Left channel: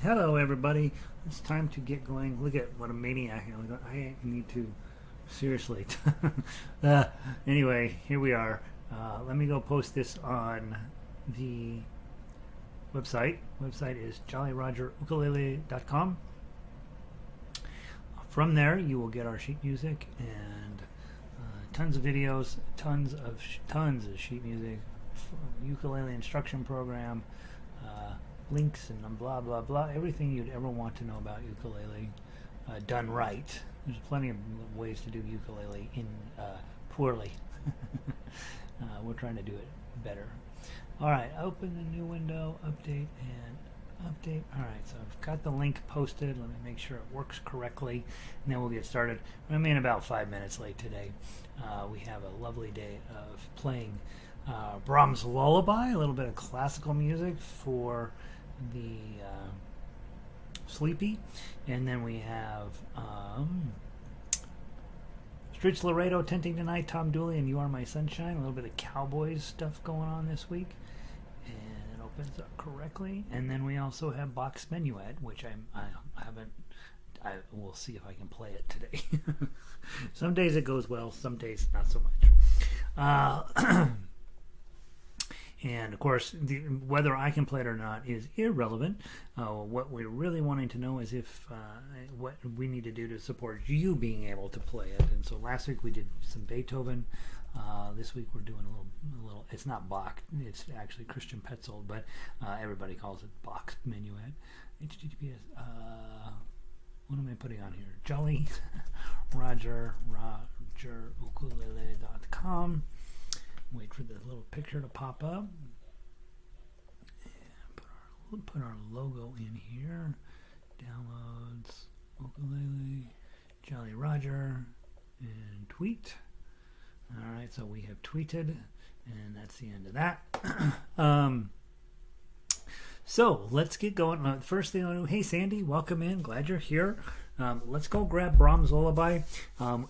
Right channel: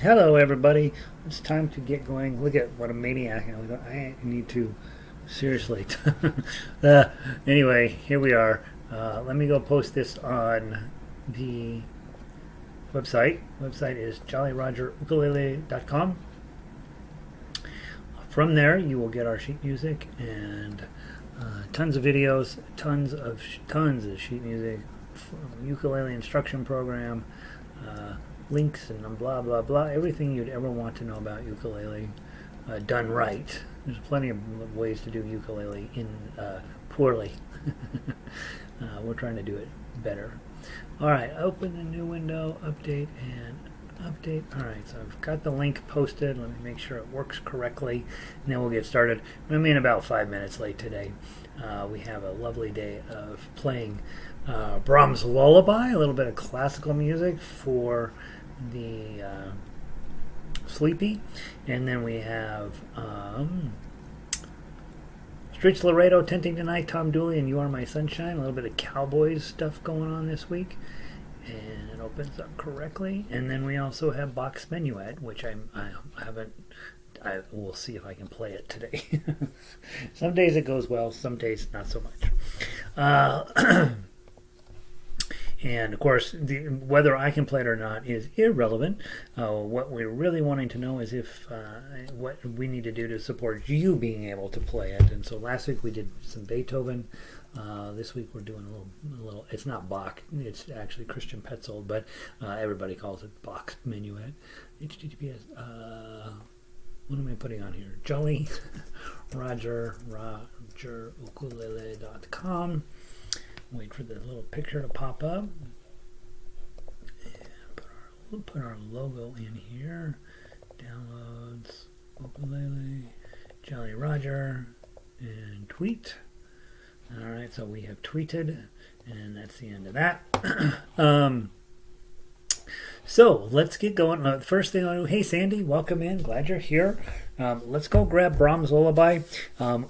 Hello, everybody. It's time to get going. Look at what a maniac I am. I need to seriously. uh, anyway, here we are. Let me go post this on the website. Website is jollyrogerukulele.com. From there, you will get our sheet music and tons of videos, tons of sheet music, ukulele instruction program, links and blah blah blah. Everything you'd ever want to know about ukulele, done right. There's plenty of ways to do ukulele in poorly. We're trying to do it better. All right, open a new window, update and update. All right, so I've got the link posted. Let me make sure it works correctly, and then we'll get started. I'm in about 5 minutes late today. We have a lovely day of playing Brahms Lullaby, a little bit of classical music for the sleepy, and then we have Streets Laredo, Tenting Tonight, Tom Dooley, and You Are My Sunshine. A little bit of Cowboys stuff going on this week, and it opens up correctly. And then we also have Bach's Menuett, which I haven't. I will see if I can play it today. Some days it goes well, some days not so much. And of course, whether I can play it or not is irrelevant. What we're really wanting to know is if what we need to do to support you being able to play it. And so last week we did some Beethoven. This week we're doing a little. It's not Bach. It's actually Christian Petzold, but everybody calls it Bach's Menuett. HTTPS. What am I putting on here? Jolly rogerukulele.com. Wait for the little picture to pop up. We'll put our logo in here. Downloads, ukulele, Jolly Roger, and tweet. All right, so we have tweeted, and that's the end of that. So let's get going. First thing I do, hey Sandy, welcome in. Glad you're here. Let's go grab Brahms Lullaby.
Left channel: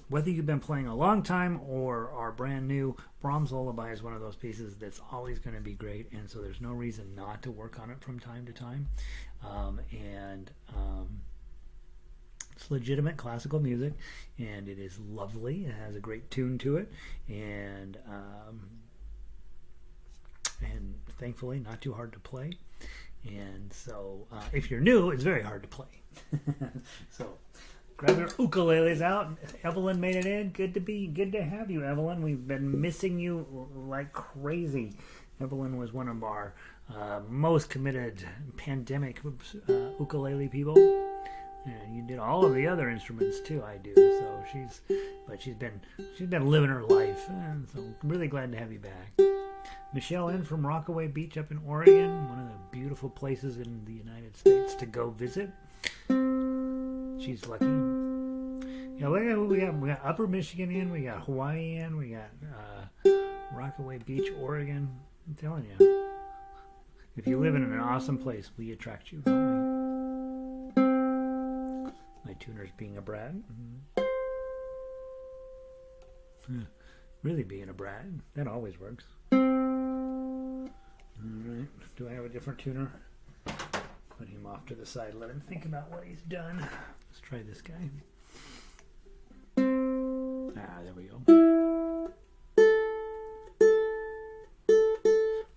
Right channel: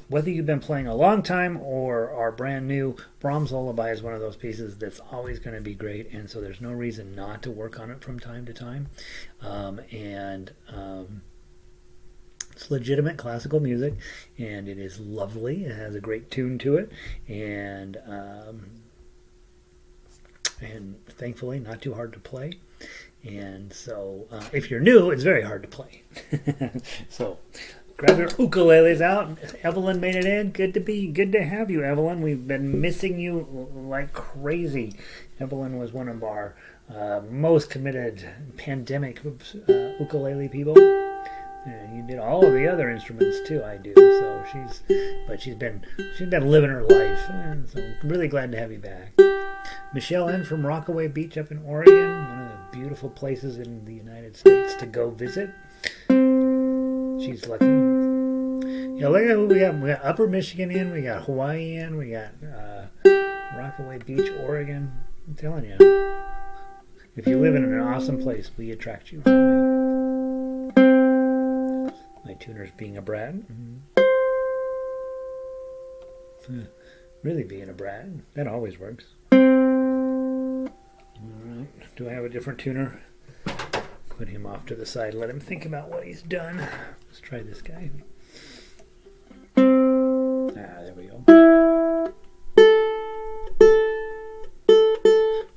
Whether you've been playing a long time or are brand new, Brahms Lullaby is one of those pieces that's always going to be great, and so there's no reason not to work on it from time to time. It's legitimate classical music, and it is lovely. It has a great tune to it, and thankfully not too hard to play. And so if you're new, it's very hard to play. So grab your ukuleles out. Evelyn made it in. Good to have you, Evelyn. We've been missing you like crazy. Evelyn was one of our most committed pandemic ukulele people. And you did all of the other instruments too. I do. So she's been living her life. And so I'm really glad to have you back. Michelle N. from Rockaway Beach up in Oregon, one of the beautiful places in the United States to go visit. She's lucky. Yeah, look at who we got. We got Upper Michigan in, we got Hawaii in, we got Rockaway Beach, Oregon. I'm telling you, if you live in an awesome place, we attract you. My tuner's being a brat. Really being a brat. That always works. Alright, do I have a different tuner? Put him off to the side, let him think about what he's done. Let's try this guy. There we go.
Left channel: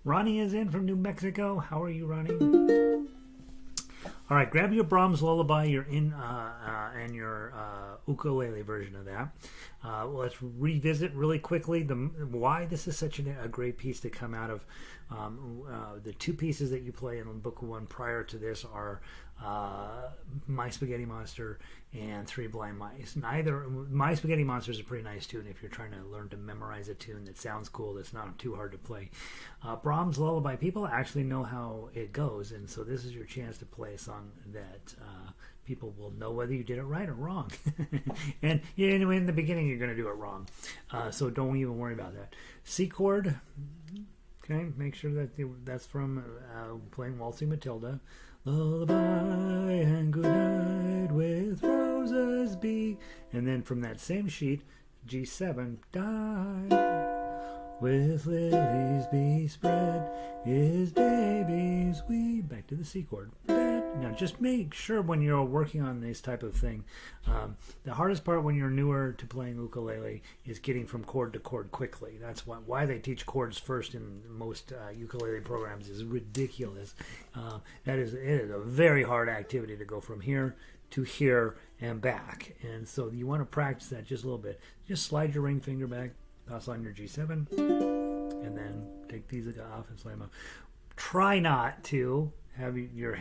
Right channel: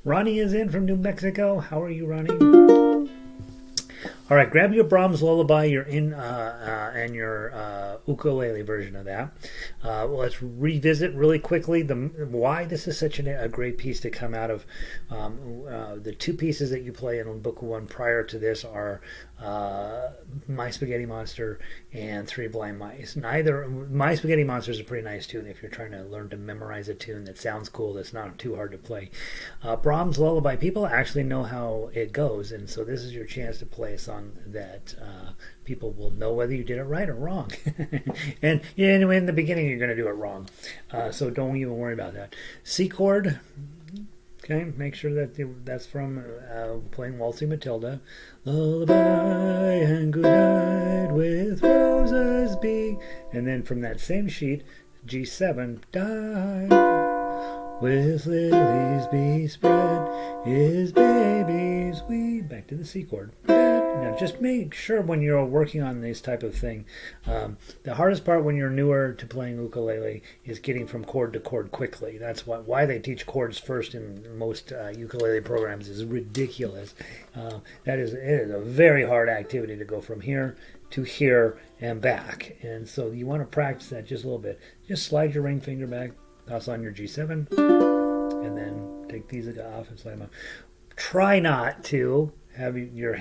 Ronnie is in from New Mexico. How are you, Ronnie? All right, grab your Brahms Lullaby. You're in, and your ukulele version of that. Well, let's revisit really quickly why this is such a great piece to come out of. The two pieces that you play in Book 1 prior to this are My Spaghetti Monster and Three Blind Mice. My Spaghetti Monster is a pretty nice tune if you're trying to learn to memorize a tune that sounds cool, that's not too hard to play. Brahms Lullaby, people actually know how it goes, and so this is your chance to play a song that people will know whether you did it right or wrong. And anyway, in the beginning you're going to do it wrong, so don't even worry about that. C chord. Okay, make sure that that's from playing Waltzing Matilda. Lullaby and good night with roses be. And then from that same sheet, G7, die. with lilies bespread, his babies weed. Back to the C chord. Now just make sure when you're working on this type of thing, the hardest part when you're newer to playing ukulele is getting from chord to chord quickly. That's why they teach chords first in most ukulele programs is ridiculous. It is a very hard activity to go from here to here and back. And so you want to practice that just a little bit. Just slide your ring finger back, pass on your G7, and then take these off and slide them off. Try not to have your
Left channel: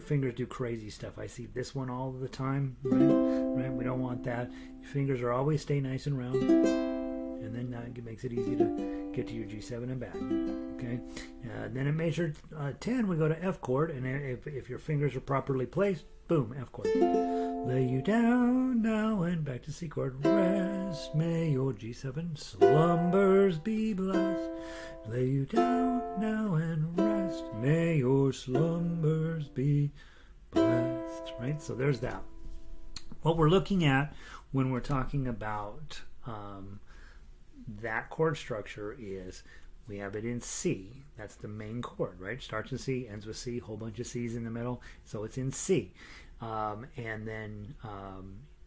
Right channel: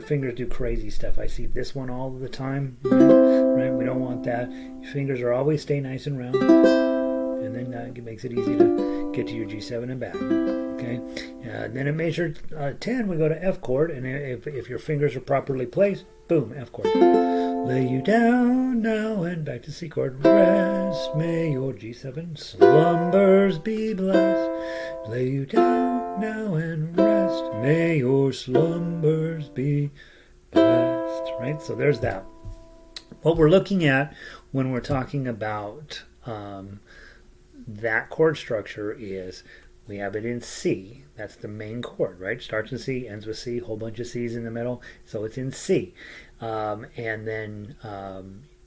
fingers do crazy stuff. I see this one all the time, right? We don't want that. Your fingers are always stay nice and round, and then it makes it easy to get to your G7 and back. Okay, then at measure 10, we go to F chord, and if your fingers are properly placed, boom, F chord. Lay you down now and back to C chord. Rest, may your G7 slumbers be blessed. Lay you down now and rest. May your slumbers be blessed. Right? So there's that. What we're looking at when we're talking about that chord structure is we have it in C. That's the main chord, right? Starts in C, ends with C, whole bunch of C's in the middle. So it's in C. And then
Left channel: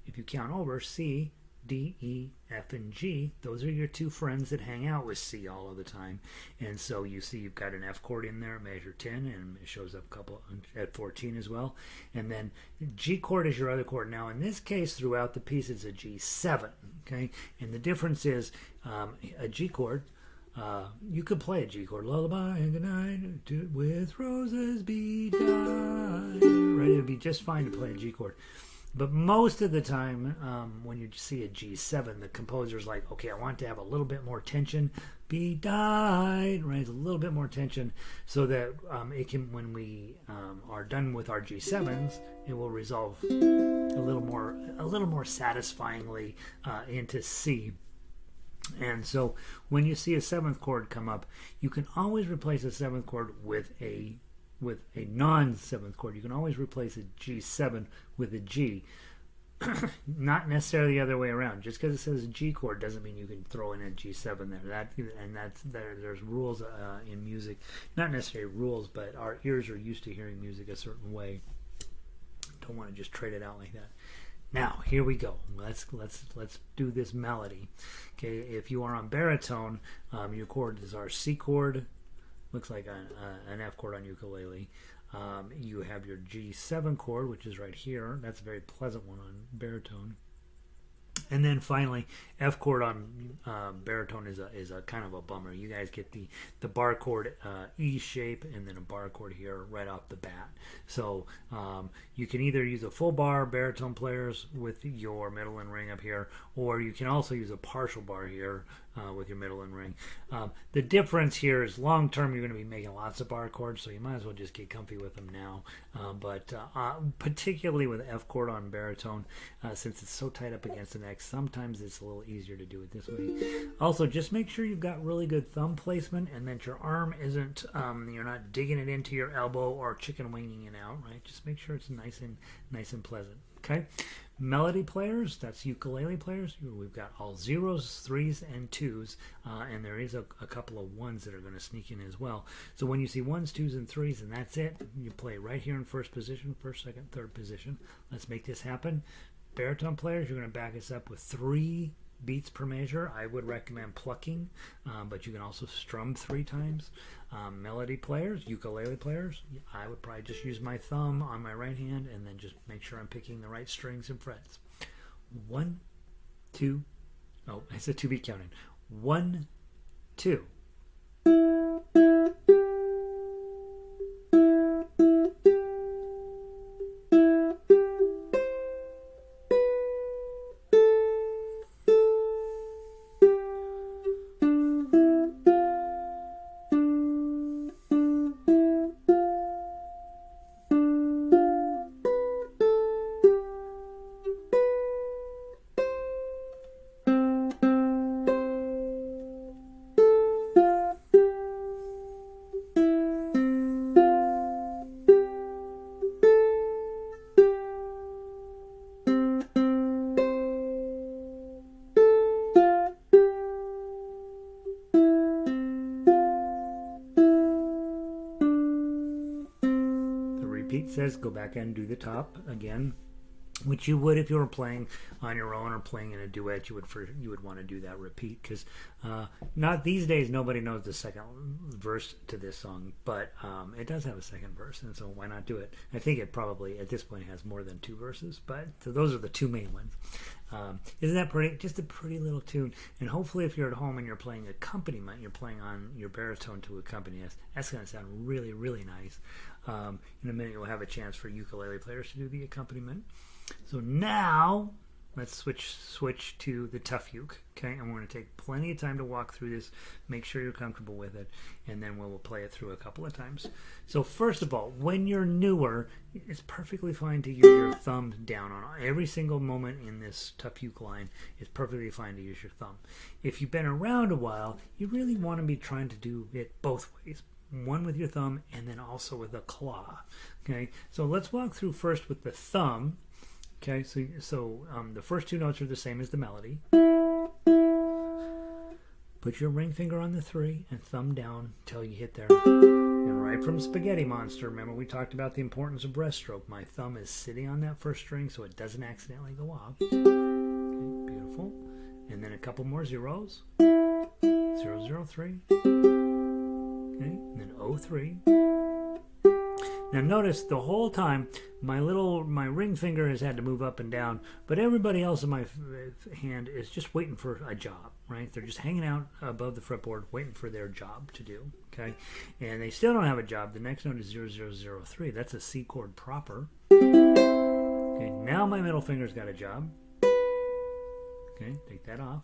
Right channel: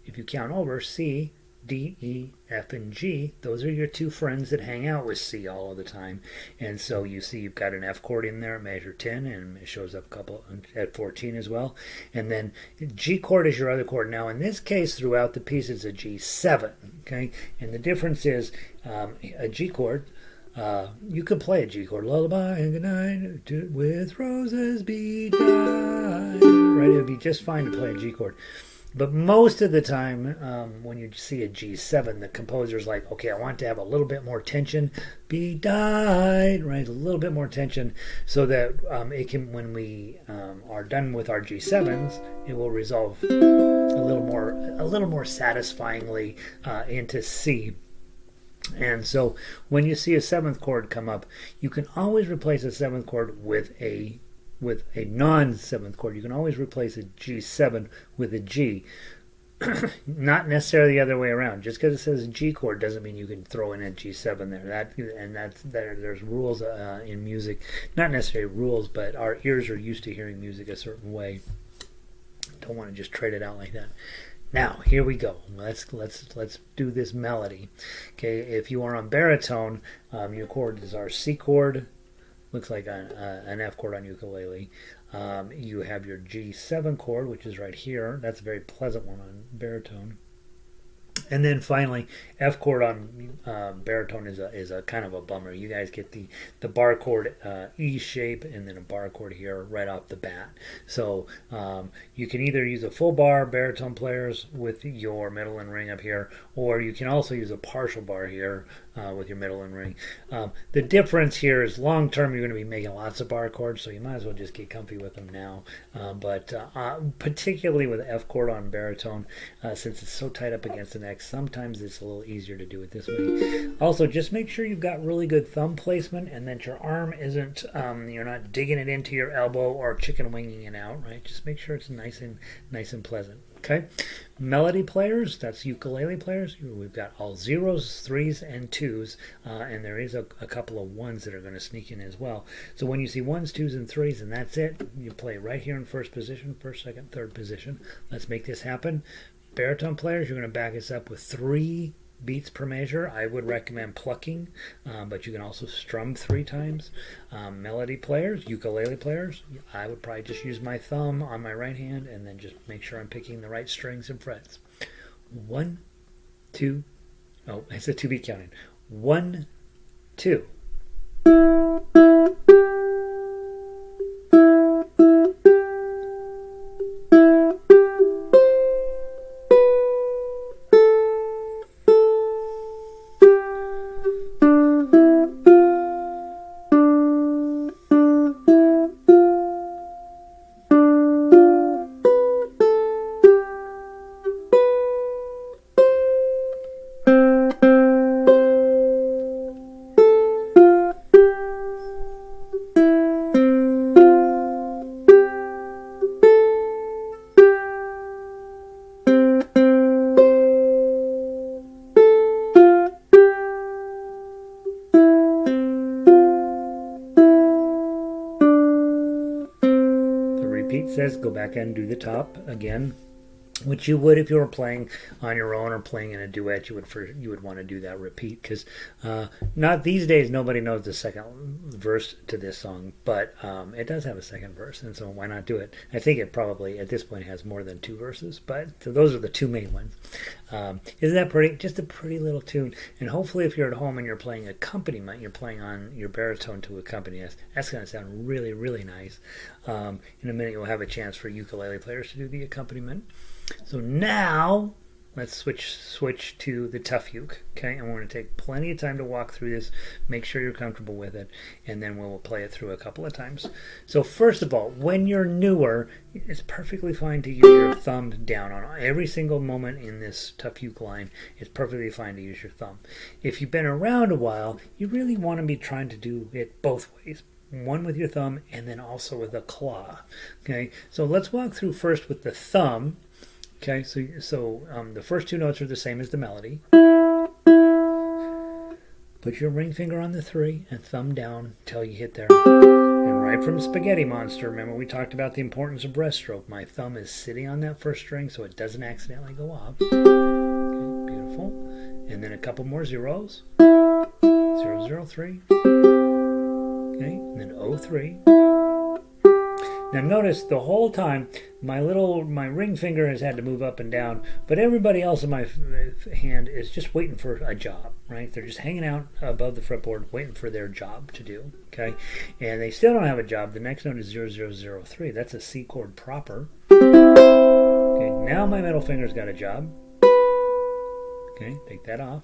if you count over, C, D, E, F, and G, those are your two friends that hang out with C all of the time. And so you see you've got an F chord in there at measure 10, and it shows up a couple at 14 as well. And then G chord is your other chord. Now in this case, throughout the piece, it's a G7, okay? And the difference is a G chord, you could play a G chord, lullaby and good night, with roses be dyed, right? It would be just fine to play a G chord. But most of the time, when you see a G7, the composer's like, okay, I want to have a little bit more tension, be dyed, right? A little bit more tension, so that it can, when we are done with our G7s, it will resolve a little more satisfying into C. And so when you see a seventh chord come up, you can always replace a seventh chord with a non-seventh chord. You can always replace a G7 with a G. Not necessarily the other way around. Just because it says G chord doesn't mean you can throw in a G7 there. There's rules in music. Not necessarily rules, but our ears are used to hearing music a certain way. Don't want to just trade it out like that. Now, here we go. Let's do this melody. Okay, if you are on baritone, your chord is our C chord. Looks like an F chord on ukulele. You have your G7 chord, which is right here. That's a very pleasant one on baritone. And then finally, F chord on baritone is a kind of a bummer. You guys get the bar chord E shape and then a bar chord here right off the bat. So you can either use a full bar, baritone players, with your middle and ring up here, or you can also use a partial bar here with your middle and ring. The difference here is long term you're going to be making lots of bar chords, so you might as well just get comfy with them now. But particularly with F chord on baritone, since it's so tight up against the neck, sometimes it's a little easier to do it this way. Also, just make sure you've got really good thumb placement and that your arm isn't, you're not digging it into your elbow or chicken winging it out, right? Just make sure it's nice and pleasant. Okay, melody players, that's ukulele players. We've got all zeros, threes, and twos, and there is a couple of ones that are going to sneak in as well. So when you see ones, twos, and threes, and that's it, you play right here in first position, first, second, third position. Let's make this happen. Baritone players, you're going to back us up with 3 beats per measure. I would recommend plucking, but you can also strum 3 times. Melody players, ukulele players, I would probably just use my thumb on my right hand and then just make sure I'm picking the right strings and frets. 1, 2, oh, it's a 2-beat counting. 1, 2. repeat says go back and do the top again, which you would if you were playing on your own or playing in a duet. You would want to do that repeat, because not these days nobody knows the second verse to this song, but it does have a second verse, and so why not do it? I think it probably at this point has more than 2 verses, but so those are the 2 main ones. Isn't that pretty? Just a pretty little tune. And hopefully if you're at home and you're playing accompaniment, you're playing on your baritone to accompany us, that's going to sound really, really nice. In a minute you'll have a chance for ukulele players to do the accompaniment. So now let's switch to the tough uke, okay? And we're going to take plenty of time to walk through this, make sure you're comfortable with it, and then we'll play it through a couple of times. So first of all, when you're newer, it's perfectly fine to use your thumb down on every single moment in this tough uke line. It's perfectly fine to use your thumb. If you've been around a while, you really want to be trying to do it both ways. One with your thumb and then also with a claw, okay? So let's walk through first with the thumb. Okay, so the first 2 notes are the same as the melody. Put your ring finger on the 3 and thumb down till you hit there. And right from Spaghetti Monster, remember we talked about the importance of breaststroke. My thumb is sitting on that first string so it doesn't accidentally go off. Okay, beautiful. And then a couple more zeros. 0, 0, 3. Okay, and then 0, 3. Now notice the whole time my ring finger has had to move up and down, but everybody else in my hand is just waiting for a job, right? They're just hanging out above the fretboard waiting for their job to do, okay? And they still don't have a job. The next note is 0, 0, 0, 3. That's a C chord proper. Okay, now my middle finger's got a job. Okay, take that off.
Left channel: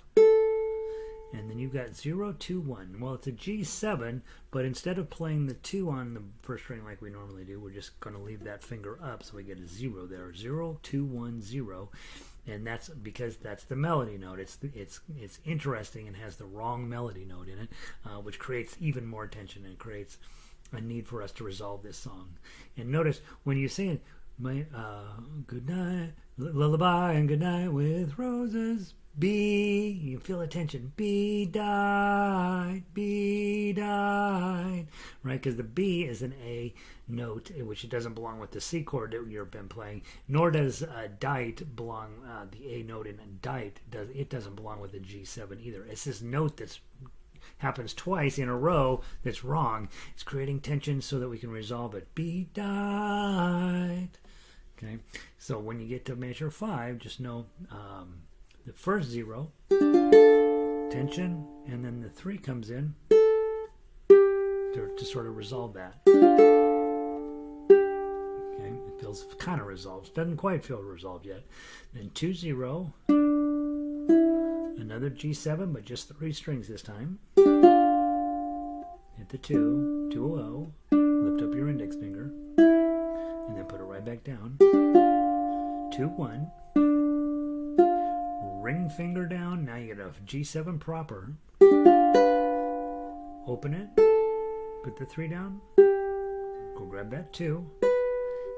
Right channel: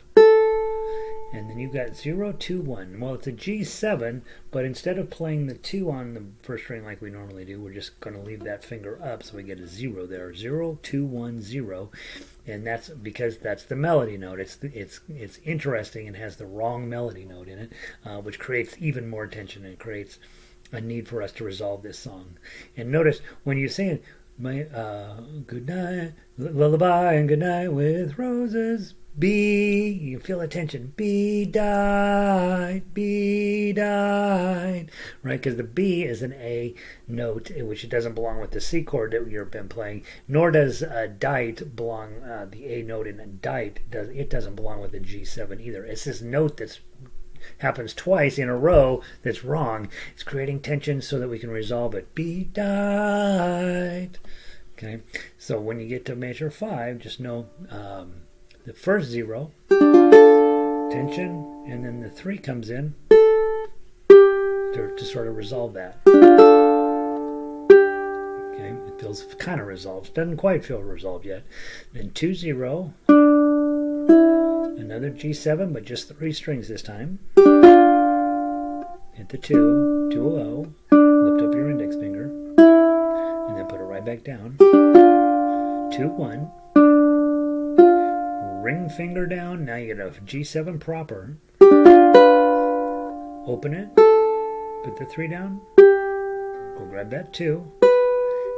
And then you've got 0, 2, 1. Well, it's a G7, but instead of playing the 2 on the first string like we normally do, we're just going to leave that finger up so we get a 0 there. 0, 2, 1, 0. And that's because that's the melody note. It's interesting and has the wrong melody note in it, which creates even more tension and creates a need for us to resolve this song. And notice when you sing my good night, lullaby and good night with roses, B, you feel the tension. B died, right? Because the B is an A note, which it doesn't belong with the C chord that you've been playing. Nor does dite belong. The A note in a dite doesn't belong with the G7 either. It's this note that's happens twice in a row that's wrong. It's creating tension so that we can resolve it. B died. Okay. So when you get to measure 5, just know. The first 0, tension, and then the 3 comes in to sort of resolve that. Okay, it feels kind of resolved. Doesn't quite feel resolved yet. Then 2, 0, another G7, but just 3 strings this time. Hit the 2, 2, 0, lift up your index finger, and then put it right back down. 2, 1. Ring finger down. Now you get a G7 proper. Open it. Put the 3 down. Go grab that 2.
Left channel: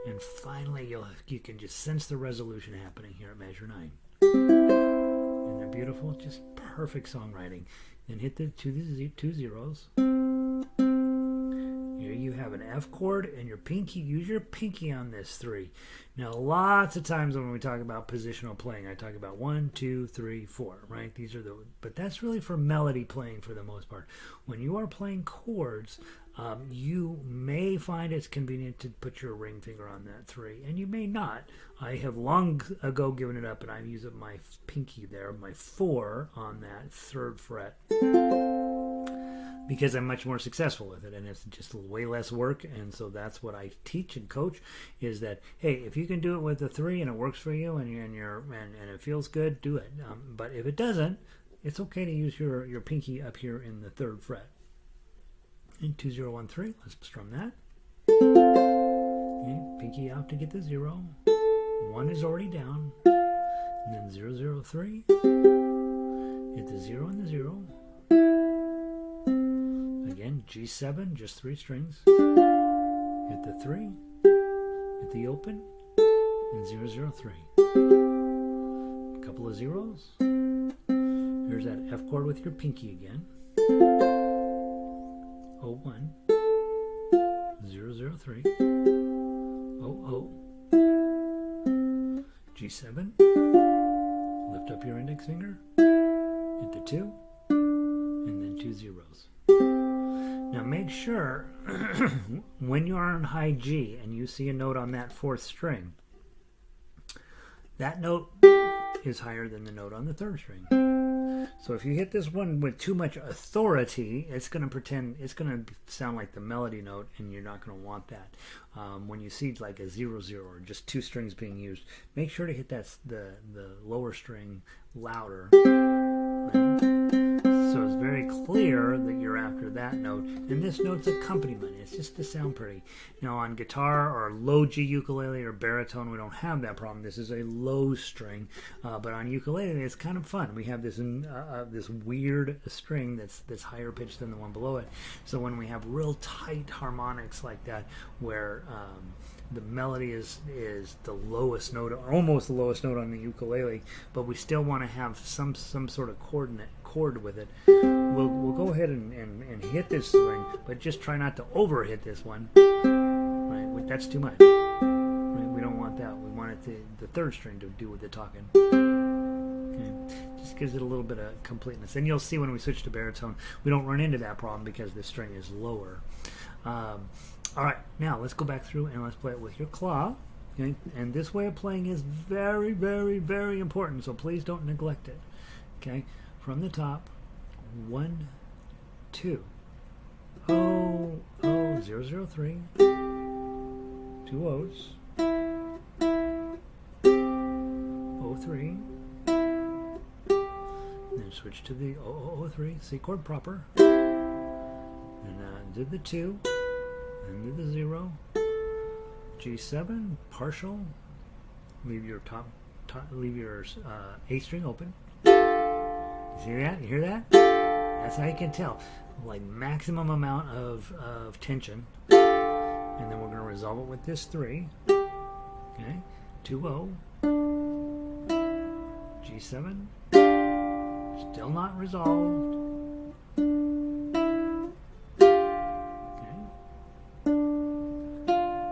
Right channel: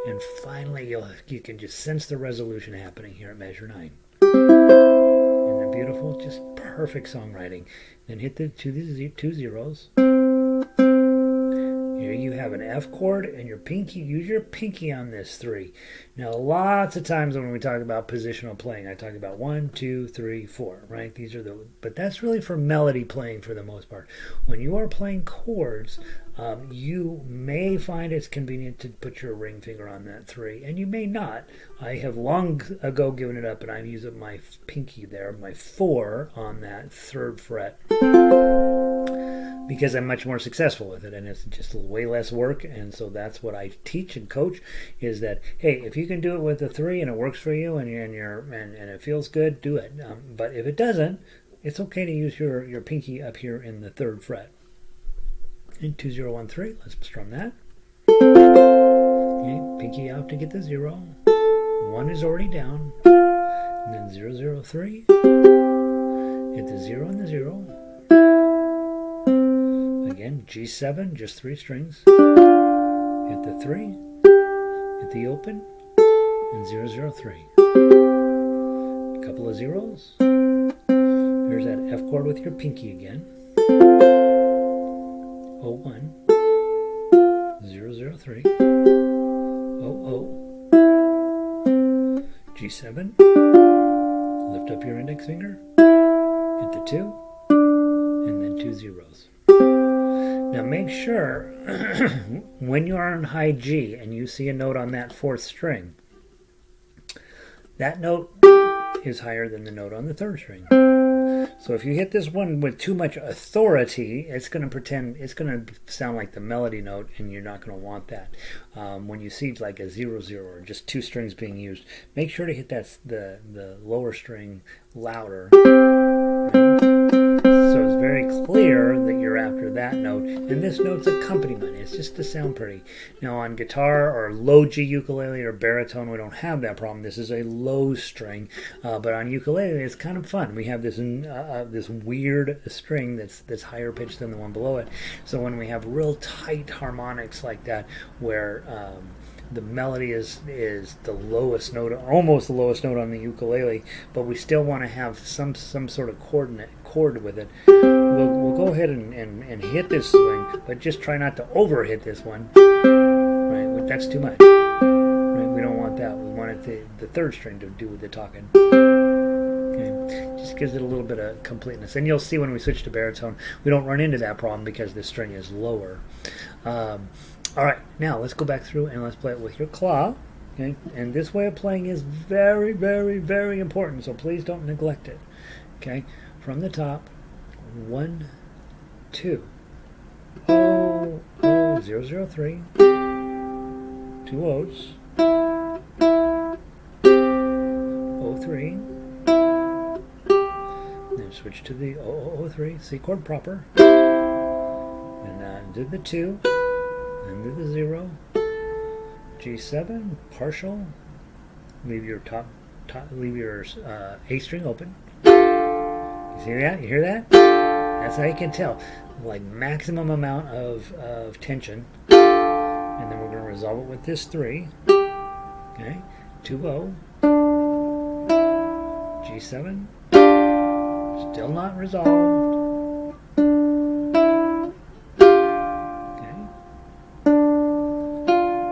And finally you can just sense the resolution happening here at measure 9. Isn't that beautiful? Just perfect songwriting. Then hit the 2 zeros. Here you have an F chord and your pinky. Use your pinky on this 3. Now, lots of times when we talk about positional playing, I talk about 1, 2, 3, 4, right? These are but that's really for melody playing for the most part. When you are playing chords, you may find it's convenient to put your ring finger on that 3, and you may not. I have long ago given it up, and I've used my pinky there, my 4 on that 3rd fret. Because I'm much more successful with it, and it's just way less work. And so that's what I teach and coach, is that, hey, if you can do it with a 3 and it works for you and it feels good, do it. But if it doesn't, it's okay to use your pinky up here in the 3rd fret. In 2, 0, 1, 3, let's strum that. Okay, pinky out to get the 0. 1 is already down. And then 0, 0, 3. Hit the 0 and the 0. Again, G7, just 3 strings. Hit the 3, hit the open, and 0, 0, 3. A couple of zeros. Here's that F chord with your pinky again. 0, 1, 0, 0, 3. 0, G7, lift up your index finger, hit the 2, and then 2 zeros. Now make sure when you are on high G and you see a note on that 4th string, that note is higher than the note on the 3rd string. So if you hit this one with too much authority, it's going to sound like the melody note, and you're not going to want that. When you see like a 0-0 or just 2 strings being used, make sure to hit the lower string louder. Right? So it's very clear that you're after that note, and this note's accompaniment. It's just to sound pretty. Now on guitar or low G ukulele or baritone, we don't have that problem. This is a low string, but on ukulele, it's kind of fun. We have this this weird string that's higher pitched than the one below it. So when we have real tight harmonics like that, where the melody is the lowest note, almost the lowest note on the ukulele, but we still want to have some sort of chord with it. We'll go ahead and hit this string, but just try not to over hit this one. Right, that's too much. Right, we don't want that. We want the 3rd string to do with the talking. Okay, just gives it a little bit of completeness. And you'll see when we switch to baritone, we don't run into that problem because the string is lower. All right, now let's go back through and let's play it with your claw. Okay? And this way of playing is very, very, very important, so please don't neglect it. Okay, from the top, 1, 2, 0, 0, 0, 3, 2 O's, 0, 3, then switch to the 0, 3, C chord proper, and do the 2, and do the 0, G7, partial, leave your leave your A string open. You see that? You hear that? That's how you can tell. Like maximum amount of tension. And then we're going to resolve it with this 3. Okay? 2-0. G7. Still not resolved. Okay?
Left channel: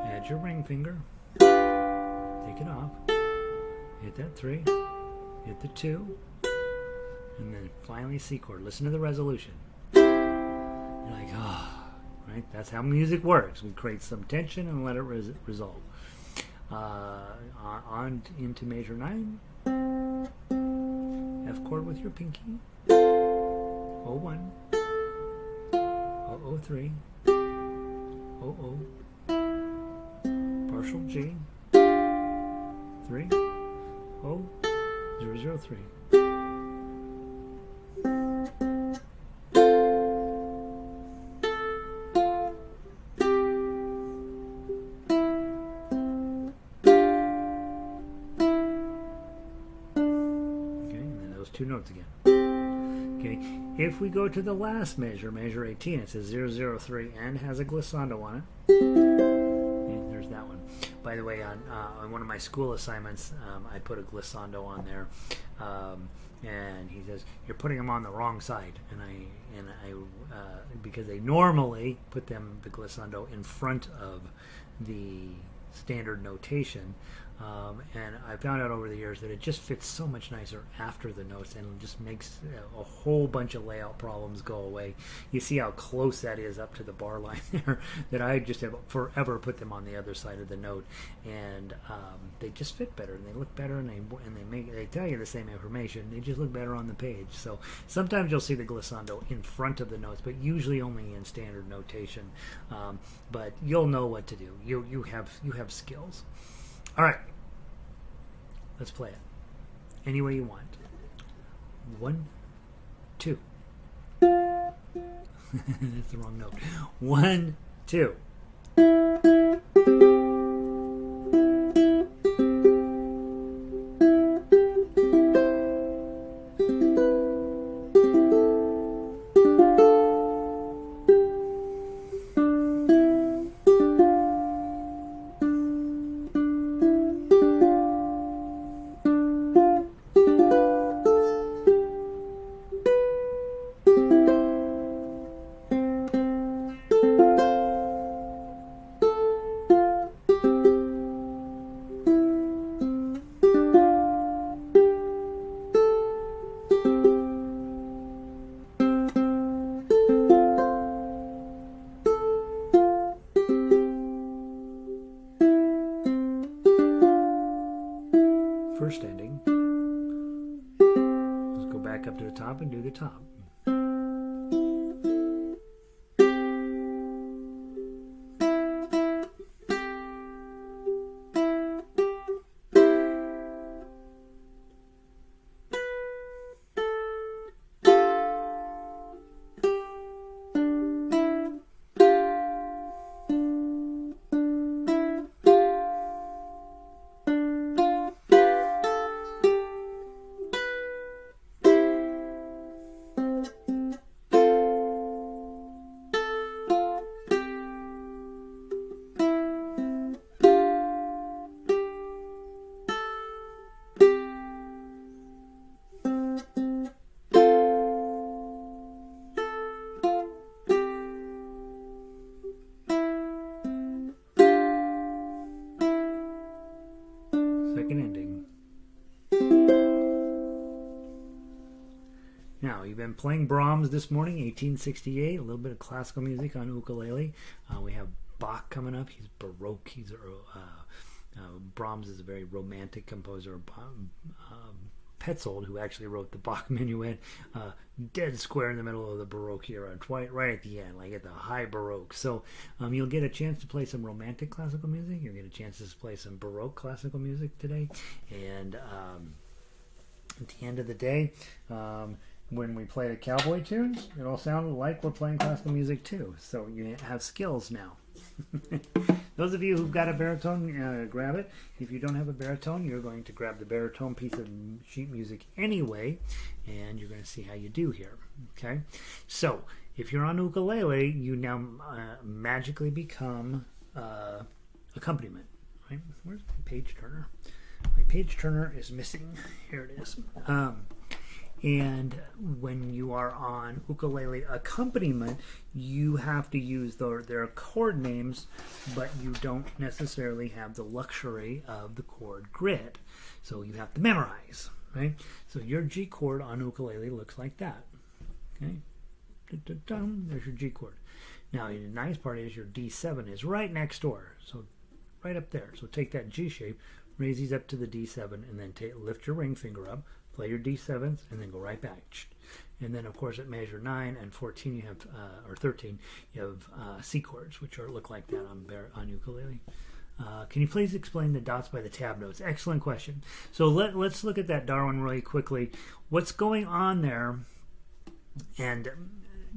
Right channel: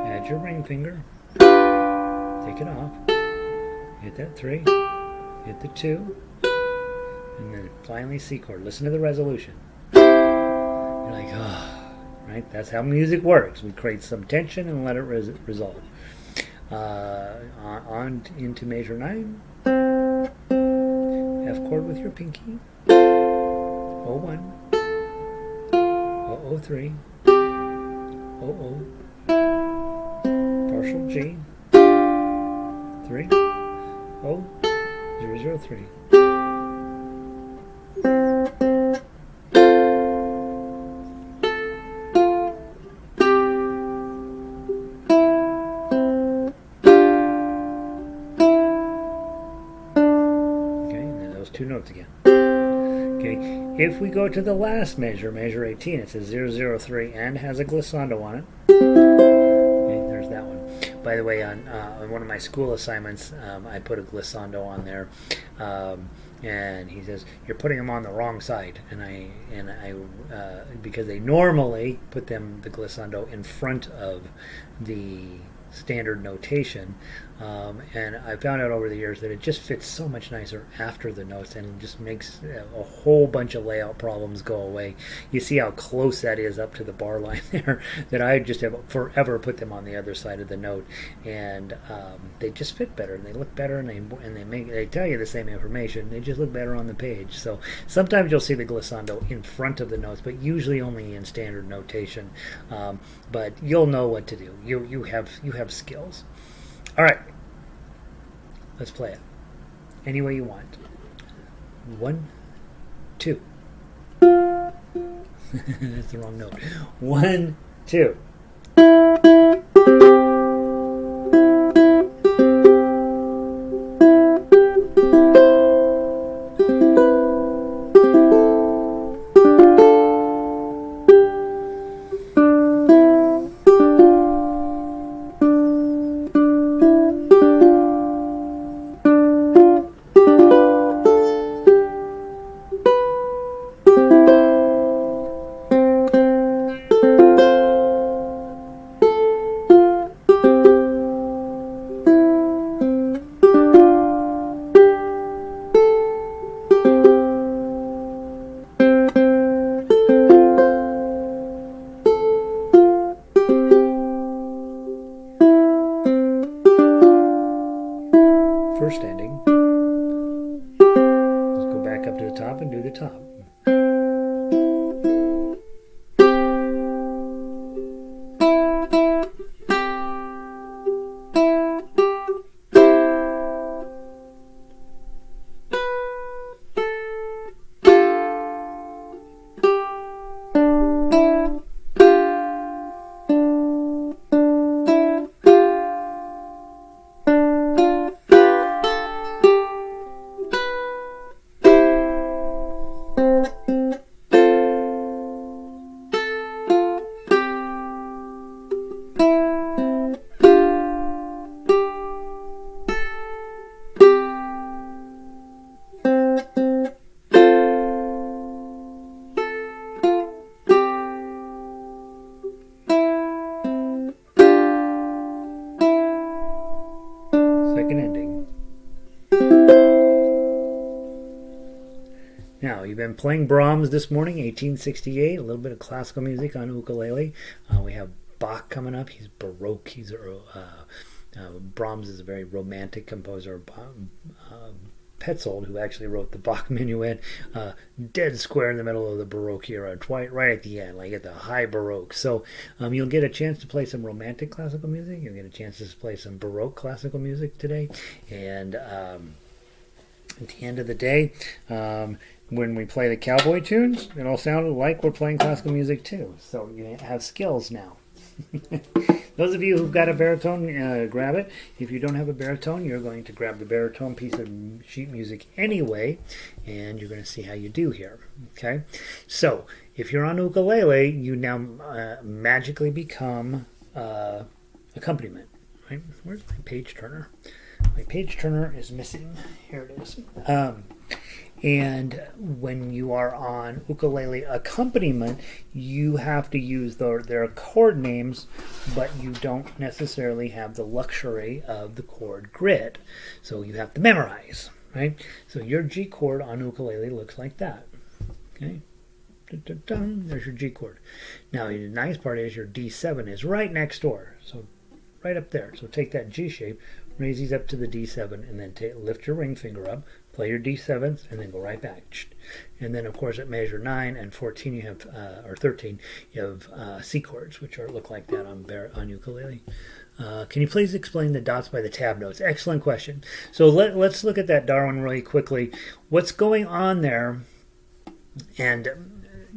Add your ring finger. Take it off. Hit that 3. Hit the 2. And then finally C chord. Listen to the resolution. You're like, oh, right? That's how music works. We create some tension and let it resolve. On into measure 9. F chord with your pinky. 0-1. 0-0-3. 0-0. Partial G. 3. 0. 0-0-3. Two notes again. Okay, if we go to the last measure, measure 18, it says 003 and has a glissando on it. Okay, there's that one. By the way, on one of my school assignments, I put a glissando on there, and he says you're putting them on the wrong side, and I because they normally put the glissando in front of the standard notation, and I found out over the years that it just fits so much nicer after the notes and just makes a whole bunch of layout problems go away. You see how close that is up to the bar line there, that I just have forever put them on the other side of the note, and they just fit better and they look better, and they tell you the same information, they just look better on the page. So sometimes you'll see the glissando in front of the notes, but usually only in standard notation. But you'll know what to do. You have skills. All right, let's play it any way you want. 1, 2. That's the wrong note. 1, 2. first ending. Let's go back up to the top and do the top. Second ending. Now, you've been playing Brahms this morning, 1868, a little bit of classical music on ukulele. We have Bach coming up. He's Baroque. He's Brahms is a very romantic composer. Petzold, who actually wrote the Bach Menuett, dead square in the middle of the Baroque era, right at the end, like at the high Baroque. So you'll get a chance to play some romantic classical music. You'll get a chance to play some Baroque classical music today. And at the end of the day, when we play the cowboy tunes, it all sounded like we're playing classical music too. So you have skills now. Those of you who've got a baritone, grab it. If you don't have a baritone, you're going to grab the baritone piece of sheet music anyway, and you're going to see how you do here. Okay, so if you're on ukulele, you now magically become accompaniment. Right? Where's my page turner? My page turner is missing. Here it is. And when you are on ukulele accompaniment, you have to use their chord names, but you don't necessarily have the luxury of the chord grid. So you have to memorize, right? So your G chord on ukulele looks like that. Okay? There's your G chord. Now, the nice part is your D7 is right next door. So right up there. So take that G shape, raise these up to the D7, and then lift your ring finger up. Play your D7s and then go right back. And then, of course, at measure 9 and 14, you have, or 13, you have C chords, which look like that on ukulele. Can you please explain the dots by the tab notes? Excellent question. So let's look at that, Darwin, really quickly. What's going on there? And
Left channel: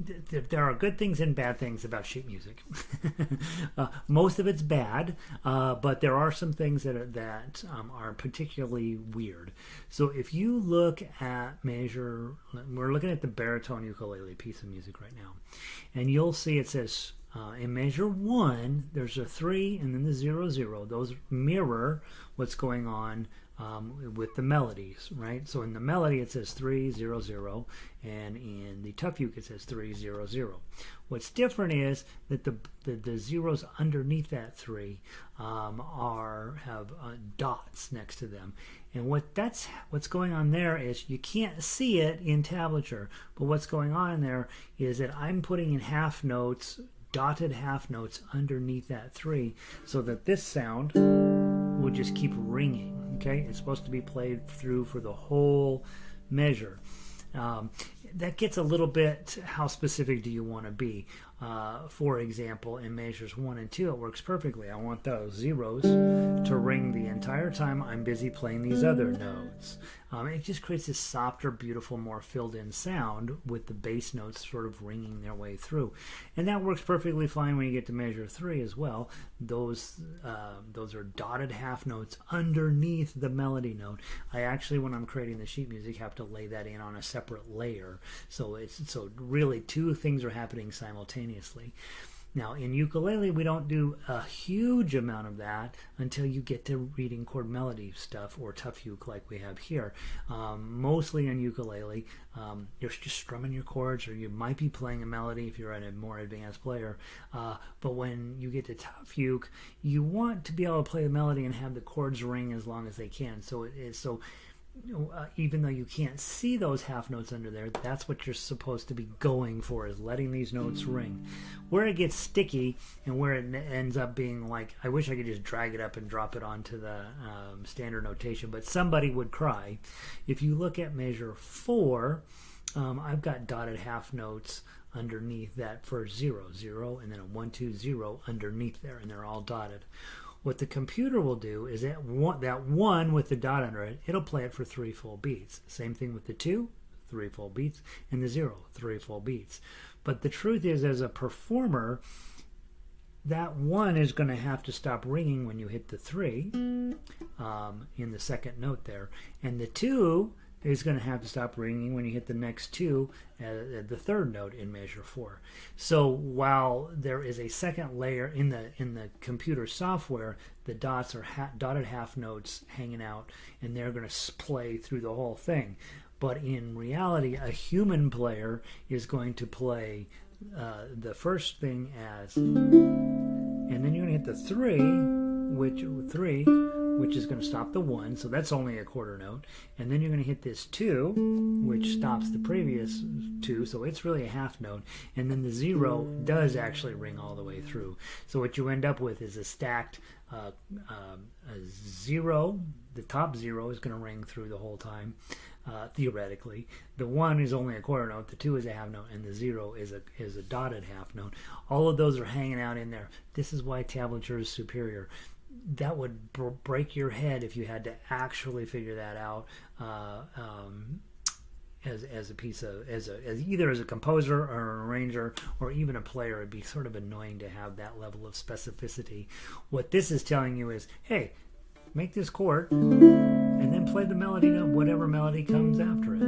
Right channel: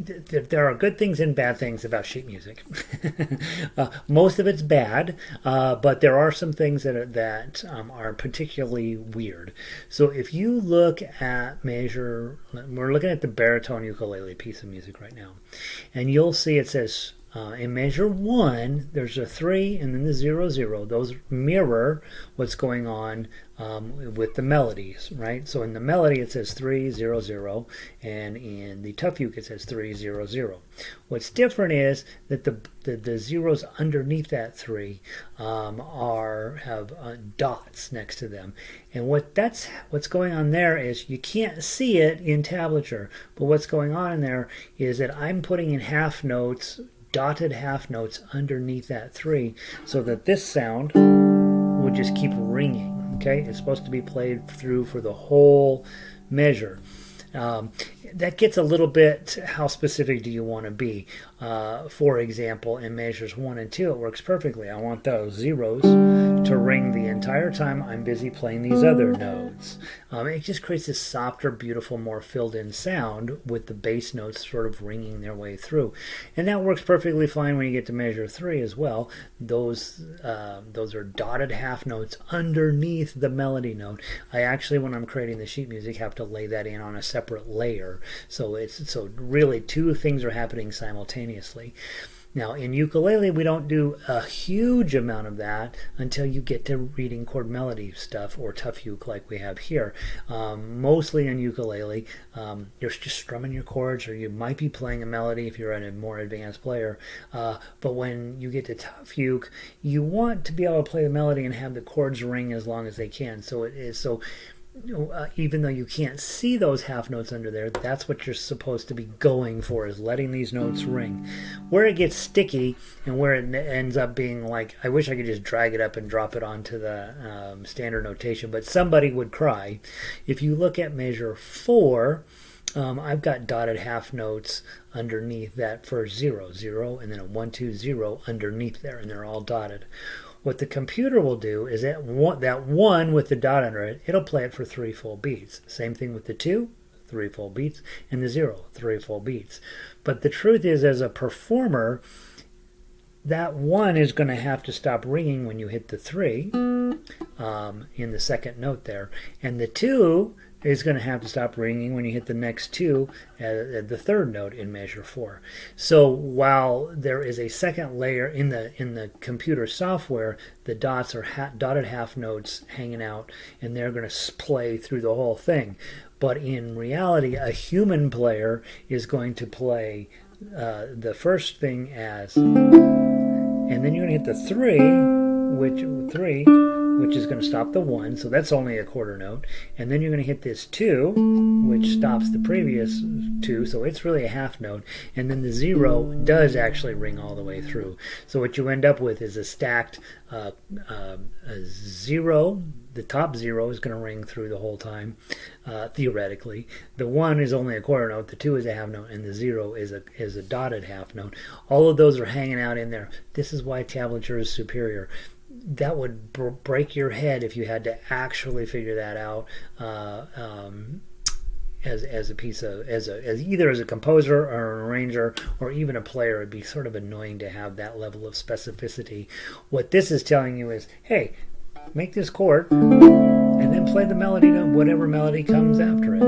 there are good things and bad things about sheet music. Most of it's bad, but there are some things that are particularly weird. So if you look at we're looking at the baritone ukulele piece of music right now, and you'll see it says in measure 1, there's a 3 and then the 0, 0. Those mirror what's going on with the melodies, right? So in the melody it says 3, 0, 0, and in the tough uke it says 3, 0, 0. What's different is that the zeros underneath that 3 have dots next to them, and what's going on there is you can't see it in tablature, but what's going on in there is that I'm putting in half notes, dotted half notes underneath that 3, so that this sound will just keep ringing. Okay, it's supposed to be played through for the whole measure. That gets a little bit, how specific do you want to be? For example, in measures 1 and 2, it works perfectly. I want those zeros to ring the entire time I'm busy playing these other notes. It just creates this softer, beautiful, more filled in sound with the bass notes sort of ringing their way through. And that works perfectly fine when you get to measure 3 as well. Those are dotted half notes underneath the melody note. I actually, when I'm creating the sheet music, have to lay that in on a separate layer. So really two things are happening simultaneously. Now in ukulele we don't do a huge amount of that until you get to reading chord melody stuff or tough uke like we have here. Mostly in ukulele you're just strumming your chords, or you might be playing a melody if you're a more advanced player. But when you get to tough uke, you want to be able to play the melody and have the chords ring as long as they can. So even though you can't see those half notes under there, that's what you're supposed to be going for, is letting these notes ring. Where it gets sticky and where it ends up being like, I wish I could just drag it up and drop it onto the standard notation, but somebody would cry. If you look at measure 4, I've got dotted half notes underneath that for 0, 0, and then a 1, 2, 0 underneath there, and they're all dotted. What the computer will do is that one with the dot under it, it'll play it for 3 full beats. Same thing with the 2, 3 full beats, and the 0, 3 full beats. But the truth is, as a performer, that 1 is going to have to stop ringing when you hit the 3 in the second note there, and the 2 is going to have to stop ringing when you hit the next 2 at the third note in measure 4. So while there is a second layer in the computer software, the dots are dotted half notes hanging out, and they're going to play through the whole thing. But in reality, a human player is going to play the first thing as, and then you're going to hit the 3, which is going to stop the 1, so that's only a quarter note, and then you're going to hit this 2, which stops the previous 2, so it's really a half note, and then the 0 does actually ring all the way through. So what you end up with is a stacked 0. The top 0 is going to ring through the whole time, theoretically. The 1 is only a quarter note, the 2 is a half note, and the 0 is a dotted half note. All of those are hanging out in there. This is why tablature is superior. That would break your head if you had to actually figure that out as a piece of as either as a composer or an arranger or even a player. It'd be sort of annoying to have that level of specificity. What this is telling you is, hey, make this chord and then play the melody to whatever melody comes after it,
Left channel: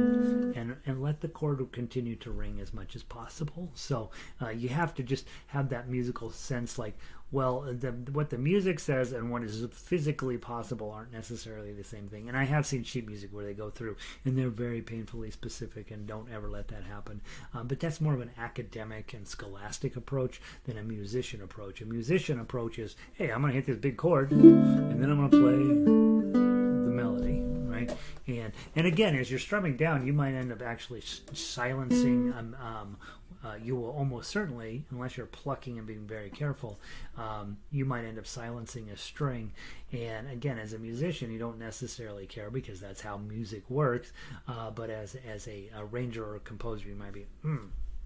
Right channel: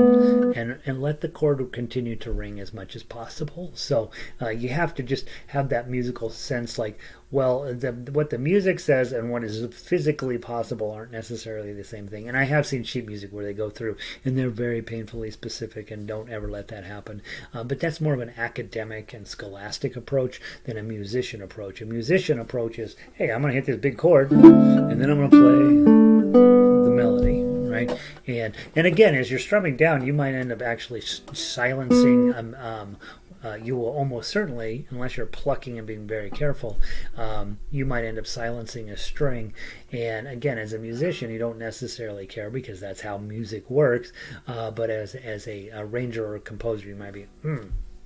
and let the chord continue to ring as much as possible. So you have to just have that musical sense, like, well, what the music says and what is physically possible aren't necessarily the same thing. And I have seen sheet music where they go through and they're very painfully specific, and don't ever let that happen. But that's more of an academic and scholastic approach than a musician approach. A musician approach is, hey, I'm going to hit this big chord, and then I'm going to play the melody, right? And again, as you're strumming down, you might end up actually silencing you will almost certainly, unless you're plucking and being very careful, you might end up silencing a string. And again, as a musician, you don't necessarily care because that's how music works. But as a arranger or a composer, you might be,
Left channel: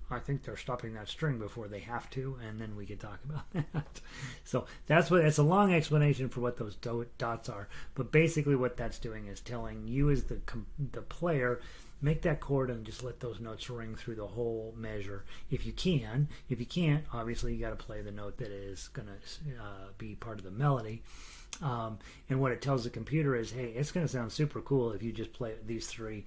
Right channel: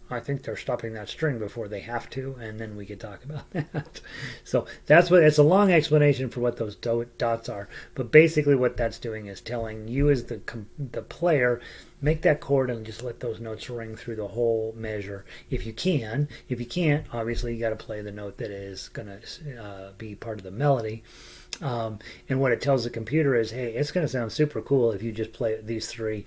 I think they're stopping that string before they have to, and then we could talk about that. So it's a long explanation for what those dots are, but basically what that's doing is telling you as the player, make that chord and just let those notes ring through the whole measure if you can. If you can't, obviously you got to play the note that is going to be part of the melody. And what it tells the computer is, hey, it's going to sound super cool if you just play these three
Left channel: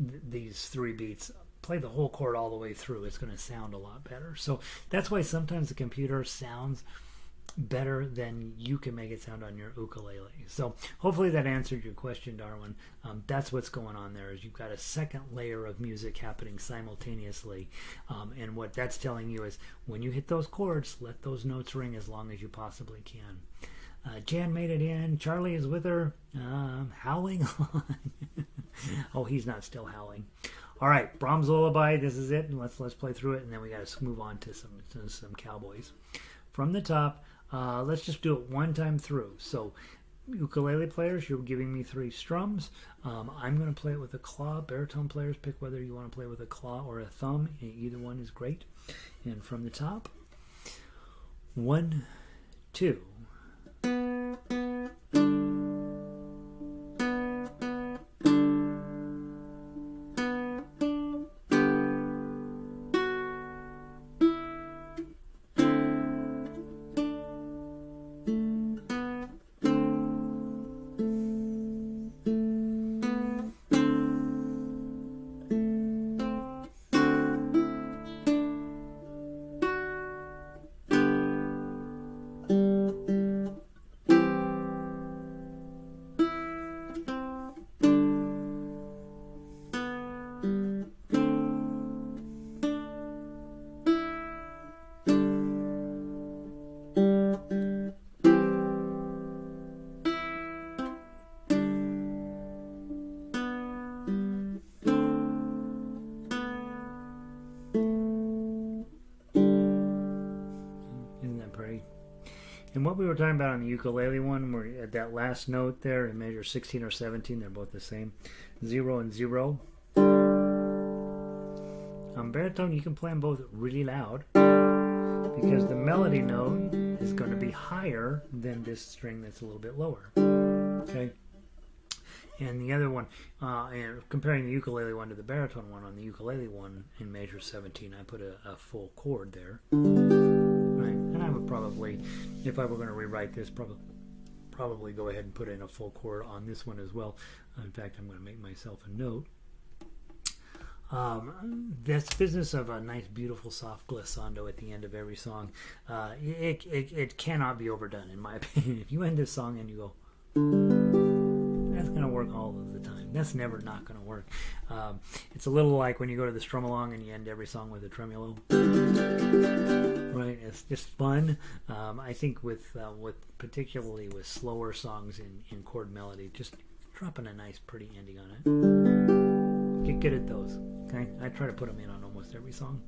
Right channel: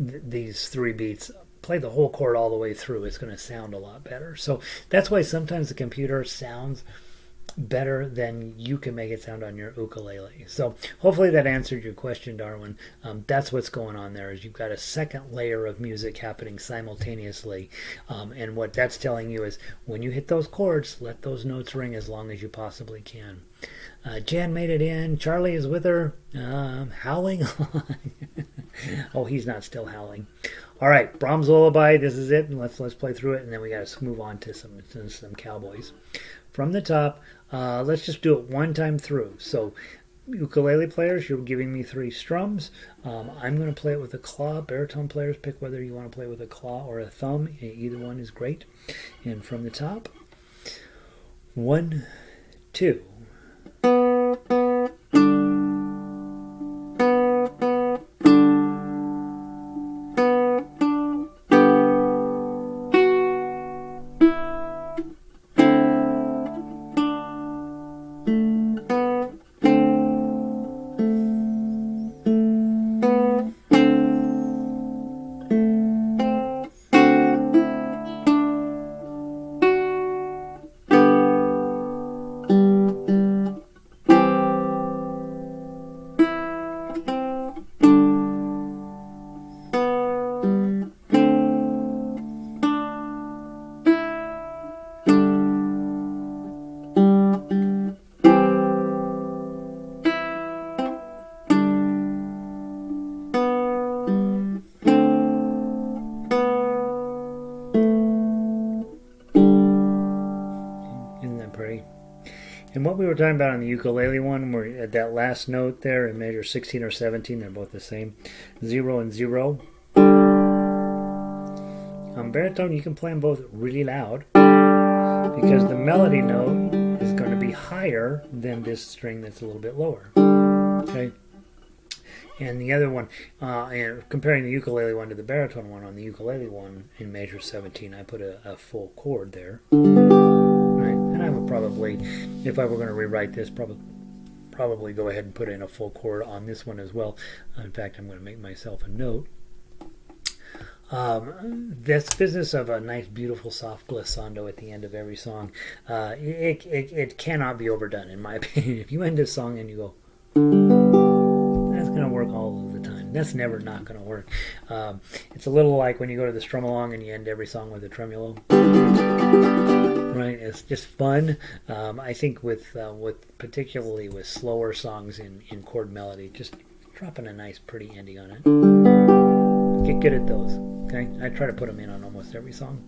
beats. Play the whole chord all the way through. It's going to sound a lot better. So that's why sometimes the computer sounds better than you can make it sound on your ukulele. So hopefully that answered your question, Darwin. That's what's going on there, is you've got a second layer of music happening simultaneously. And what that's telling you is, when you hit those chords, let those notes ring as long as you possibly can. Jan made it in. Charlie is with her, howling on. Oh, he's not still howling. All right, Brahms Lullaby. This is it, and let's play through it, and then we got to move on to some cowboys. From the top, let's just do it one time through. So, ukulele players, you're giving me 3 strums. I'm going to play it with a claw. Baritone players, pick whether you want to play with a claw or a thumb. Either one is great. And from the top, 1, 2. what we were talking about on the ukulele one, where at that last note there in measure 16 or 17, they're both the same, 0 and 0. On baritone, you can play them both really loud because the melody note is going to be higher than this string that's a little bit lower. Okay. And the other one, and comparing the ukulele one to the baritone one, on the ukulele one in measure 17, I put a full chord there. Right? And I would probably, if I were going to rewrite this, probably go ahead and put in a full chord on this one as well. In fact, I'm going to make myself a note. This business of a nice, beautiful, soft glissando at the end of every song, it cannot be overdone, in my opinion. If you end a song and you go, that's going to work all of the time. That's never not going to work. It's a little like when you go to the strum along and you end every song with a tremolo. Right? It's just fun. I think with particularly with slower songs in chord melody, just dropping a nice, pretty ending on it. Get good at those. Okay, I try to put them in on almost every song.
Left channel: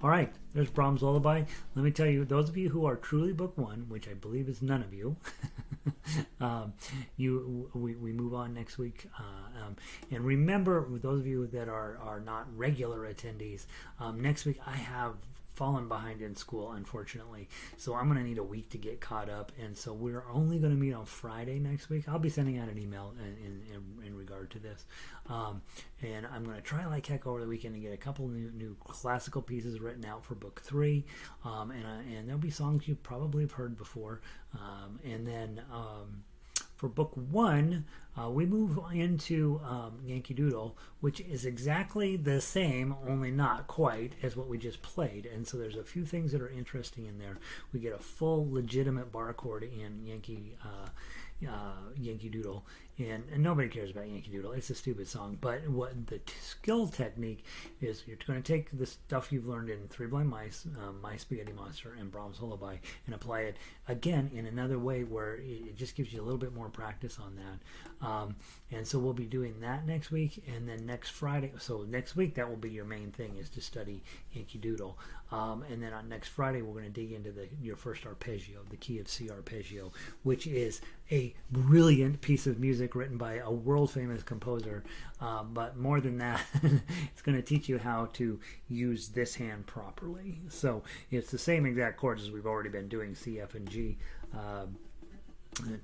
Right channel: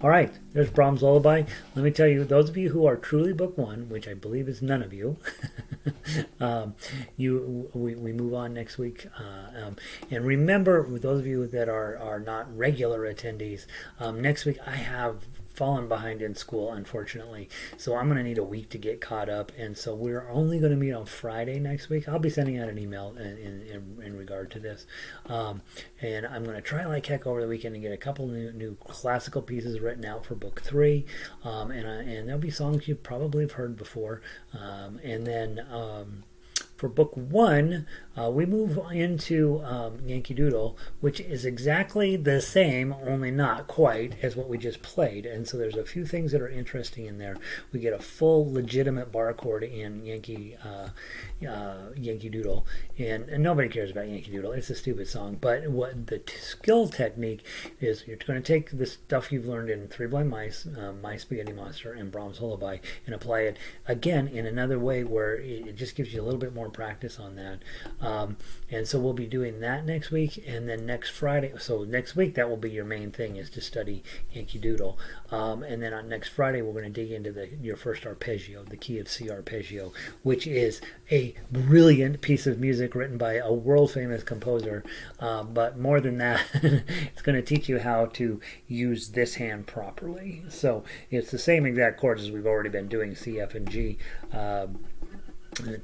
All right, there's Brahms Lullaby. Let me tell you, those of you who are truly book one, which I believe is none of you, we move on next week. And remember, those of you that are not regular attendees, next week I have fallen behind in school, unfortunately, so I'm going to need a week to get caught up, and so we're only going to meet on Friday next week. I'll be sending out an email in regard to this, and I'm going to try like heck over the weekend to get a couple new classical pieces written out for book 3, and there'll be songs you probably have heard before, and then for book 1, we move into Yankee Doodle, which is exactly the same, only not quite, as what we just played. And so there's a few things that are interesting in there. We get a full legitimate bar chord in Yankee Doodle, and nobody cares about Yankee Doodle. It's a stupid song. But what the skill technique is, you're going to take the stuff you've learned in Three Blind Mice, My Spaghetti Monster, and Brahms Lullaby, and apply it again in another way where it just gives you a little bit more practice on that. And so we'll be doing that next week, and then next Friday, so next week that will be your main thing, is to study Yankee Doodle. And then on next Friday we're going to dig into your first arpeggio, the key of C arpeggio, which is a brilliant piece of music written by a world famous composer, but more than that, it's going to teach you how to use this hand properly. So it's the same exact chords as we've already been doing, C, F, and G.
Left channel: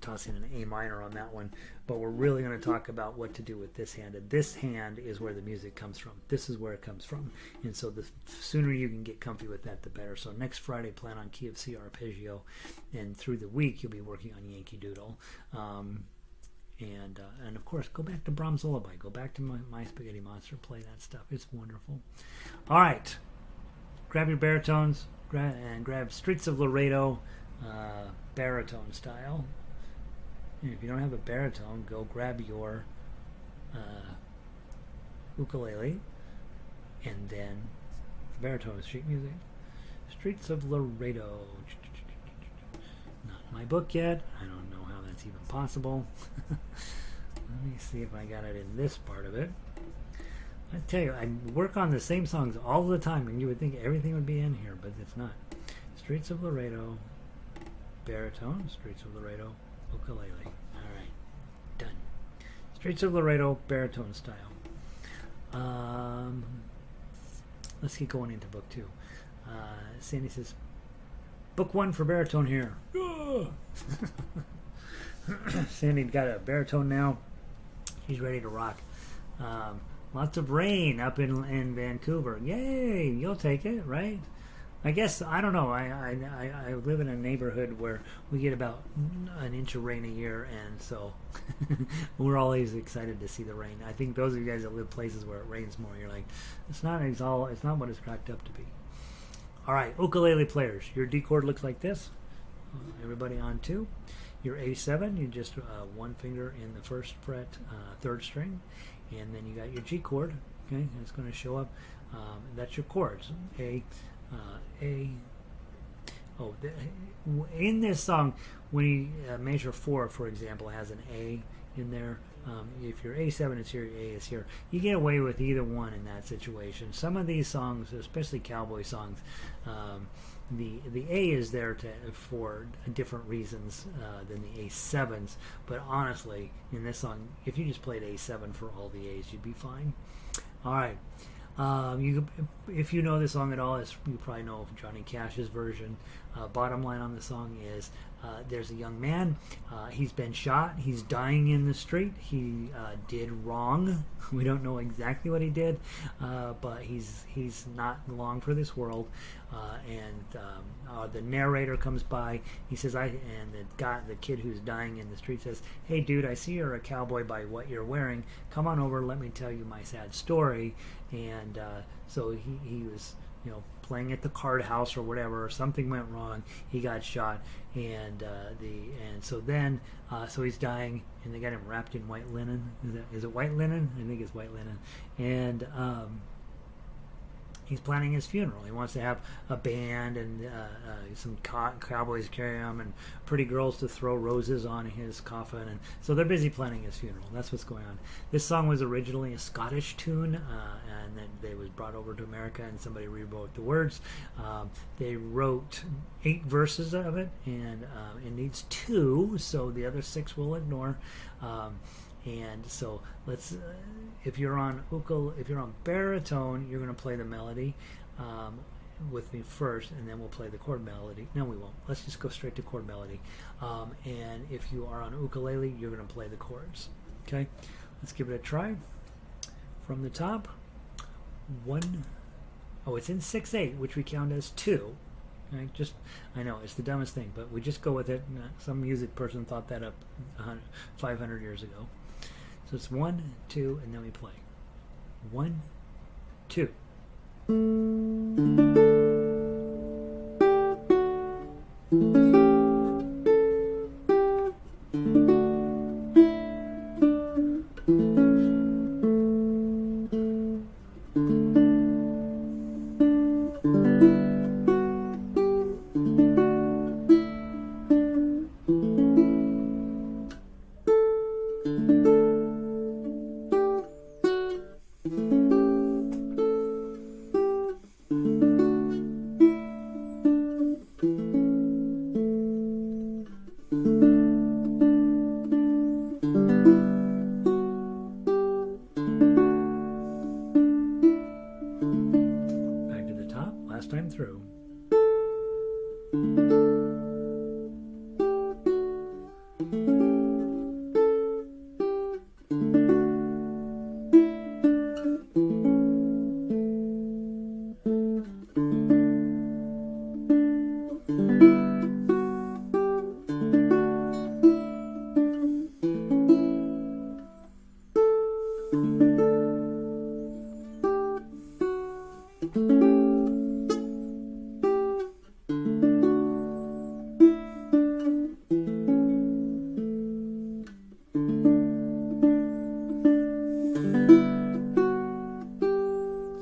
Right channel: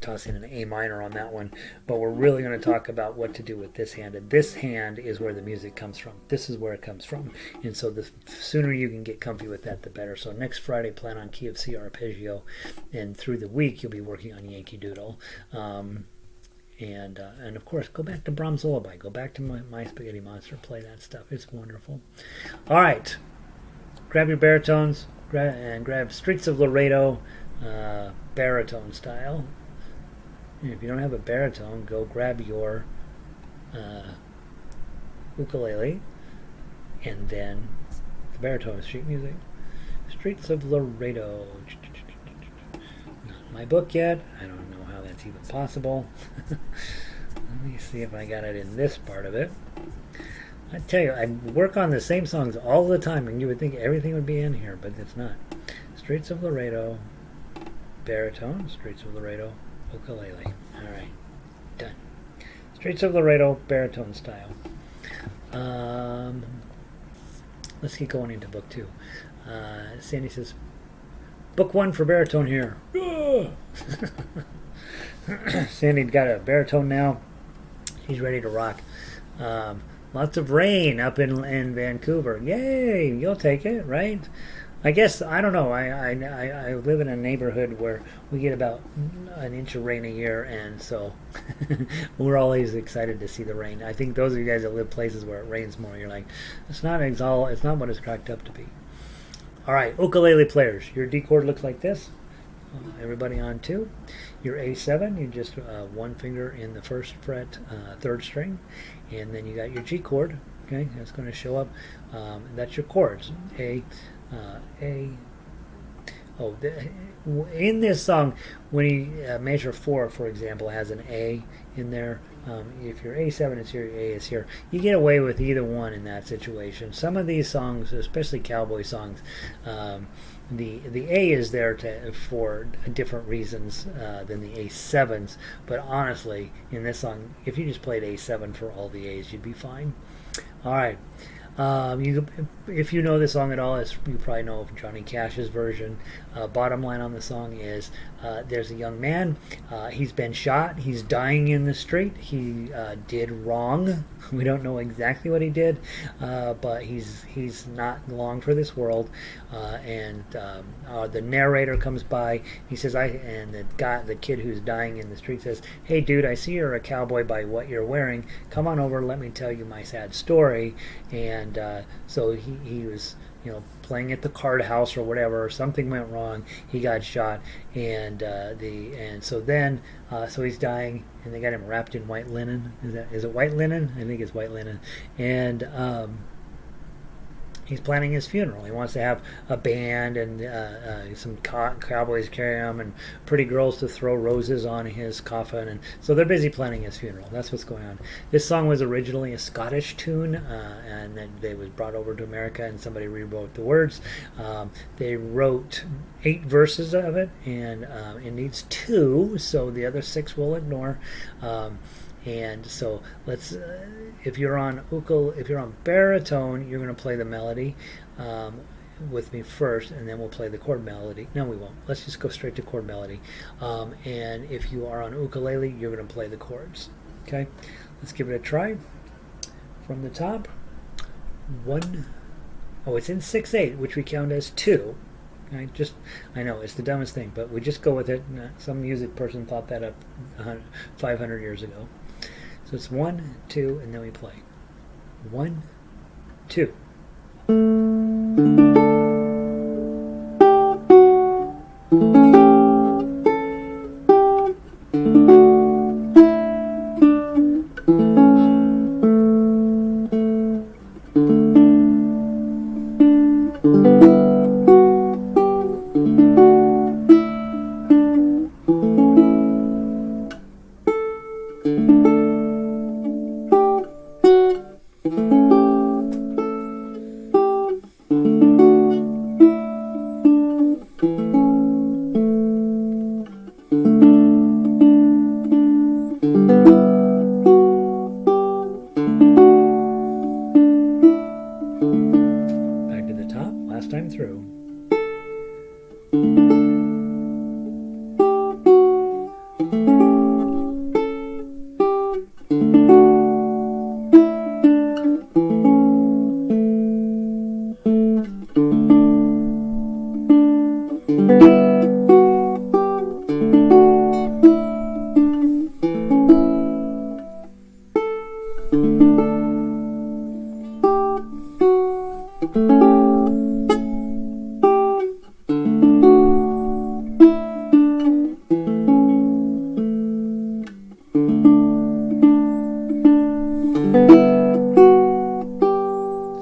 Toss in an A minor on that one, but we're really going to talk about what to do with this hand, and this hand is where the music comes from. This is where it comes from, and so the sooner you can get comfy with that, the better. So next Friday, plan on key of C arpeggio, and through the week you'll be working on Yankee Doodle, and of course go back to Brahms Lullaby, go back to my Spaghetti Monster, play that stuff. It's wonderful. All right, grab your baritones, grab Streets of Laredo, baritone style. And if you don't have a baritone, go grab your ukulele, and then the baritone is sheet music. Streets of Laredo. Not my book yet. I don't know how that's even possible. Let me see if I got it in this part of it. I tell you, I work on the same songs all the time, and you would think everything would be in here, but it's not. Streets of Laredo, baritone, Streets of Laredo, ukulele. All right, done. Streets of Laredo, baritone style. Let's keep going into book 2. Sandy says, book 1 for baritone here. Sandy got a baritone now. She's ready to rock. Lots of rain up in Vancouver. Yay! You'll take it, right? I guess, I don't know, I live in a neighborhood where we get about an inch of rain a year, and so we're always excited to see the rain. I think those of you guys that live places where it rains more, you're like, it's not what it's cracked up to be. All right, ukulele players, your D chord looks like this. Everybody on 2. Your A7, you just one finger in the first fret, 3rd string, and then you got your G chord. Okay, that's going to show up. That's your chords. In this song, when you measure 4, for example, has an A in there. If your A7 is here, your A is here. You get away with either one in that situation. Some of these songs, especially cowboy songs, the A is there for different reasons than the A7s. But honestly, in this song, if you just played A7 for all the A's, you'd be fine. All right. If you know this song at all, you probably know of Johnny Cash's version. Bottom line on the song is there's a young man. He's been shot. He's dying in the street. He did wrong. We don't know exactly what he did, but he's not long for this world. And the narrator comes by. He says, and the kid who's dying in the street says, "Hey, dude, I see you're a cowboy by what you're wearing. Come on over. Let me tell you my sad story." And so he was, playing at the card house or whatever. Something went wrong. He got shot, and so he's dying, and they got him wrapped in white linen. Is it white linen? I think it's white linen, and he's planning his funeral. He wants to have a band and some cowboys carry him and pretty girls to throw roses on his coffin. And so they're busy planning his funeral. That's what's going on. This song was originally a Scottish tune, and then they was brought over to America, and somebody rewrote the words. They wrote 8 verses of it, and it needs 2, so the other 6 we'll ignore. And so let's, if you're on baritone, you're going to play the melody with me first, and then we'll play the chord melody. No, we won't. Let's just go straight to chord melody. And if you are on ukulele, you're going to play the chords. Okay, let's give it a try. From the top, 1. Oh, it's in 6/8, which we count as 2. I know it's the dumbest thing, but we just go with it. Some music person thought that up 500 years ago. So it's 1, 2, and then we play 1, 2. Time through.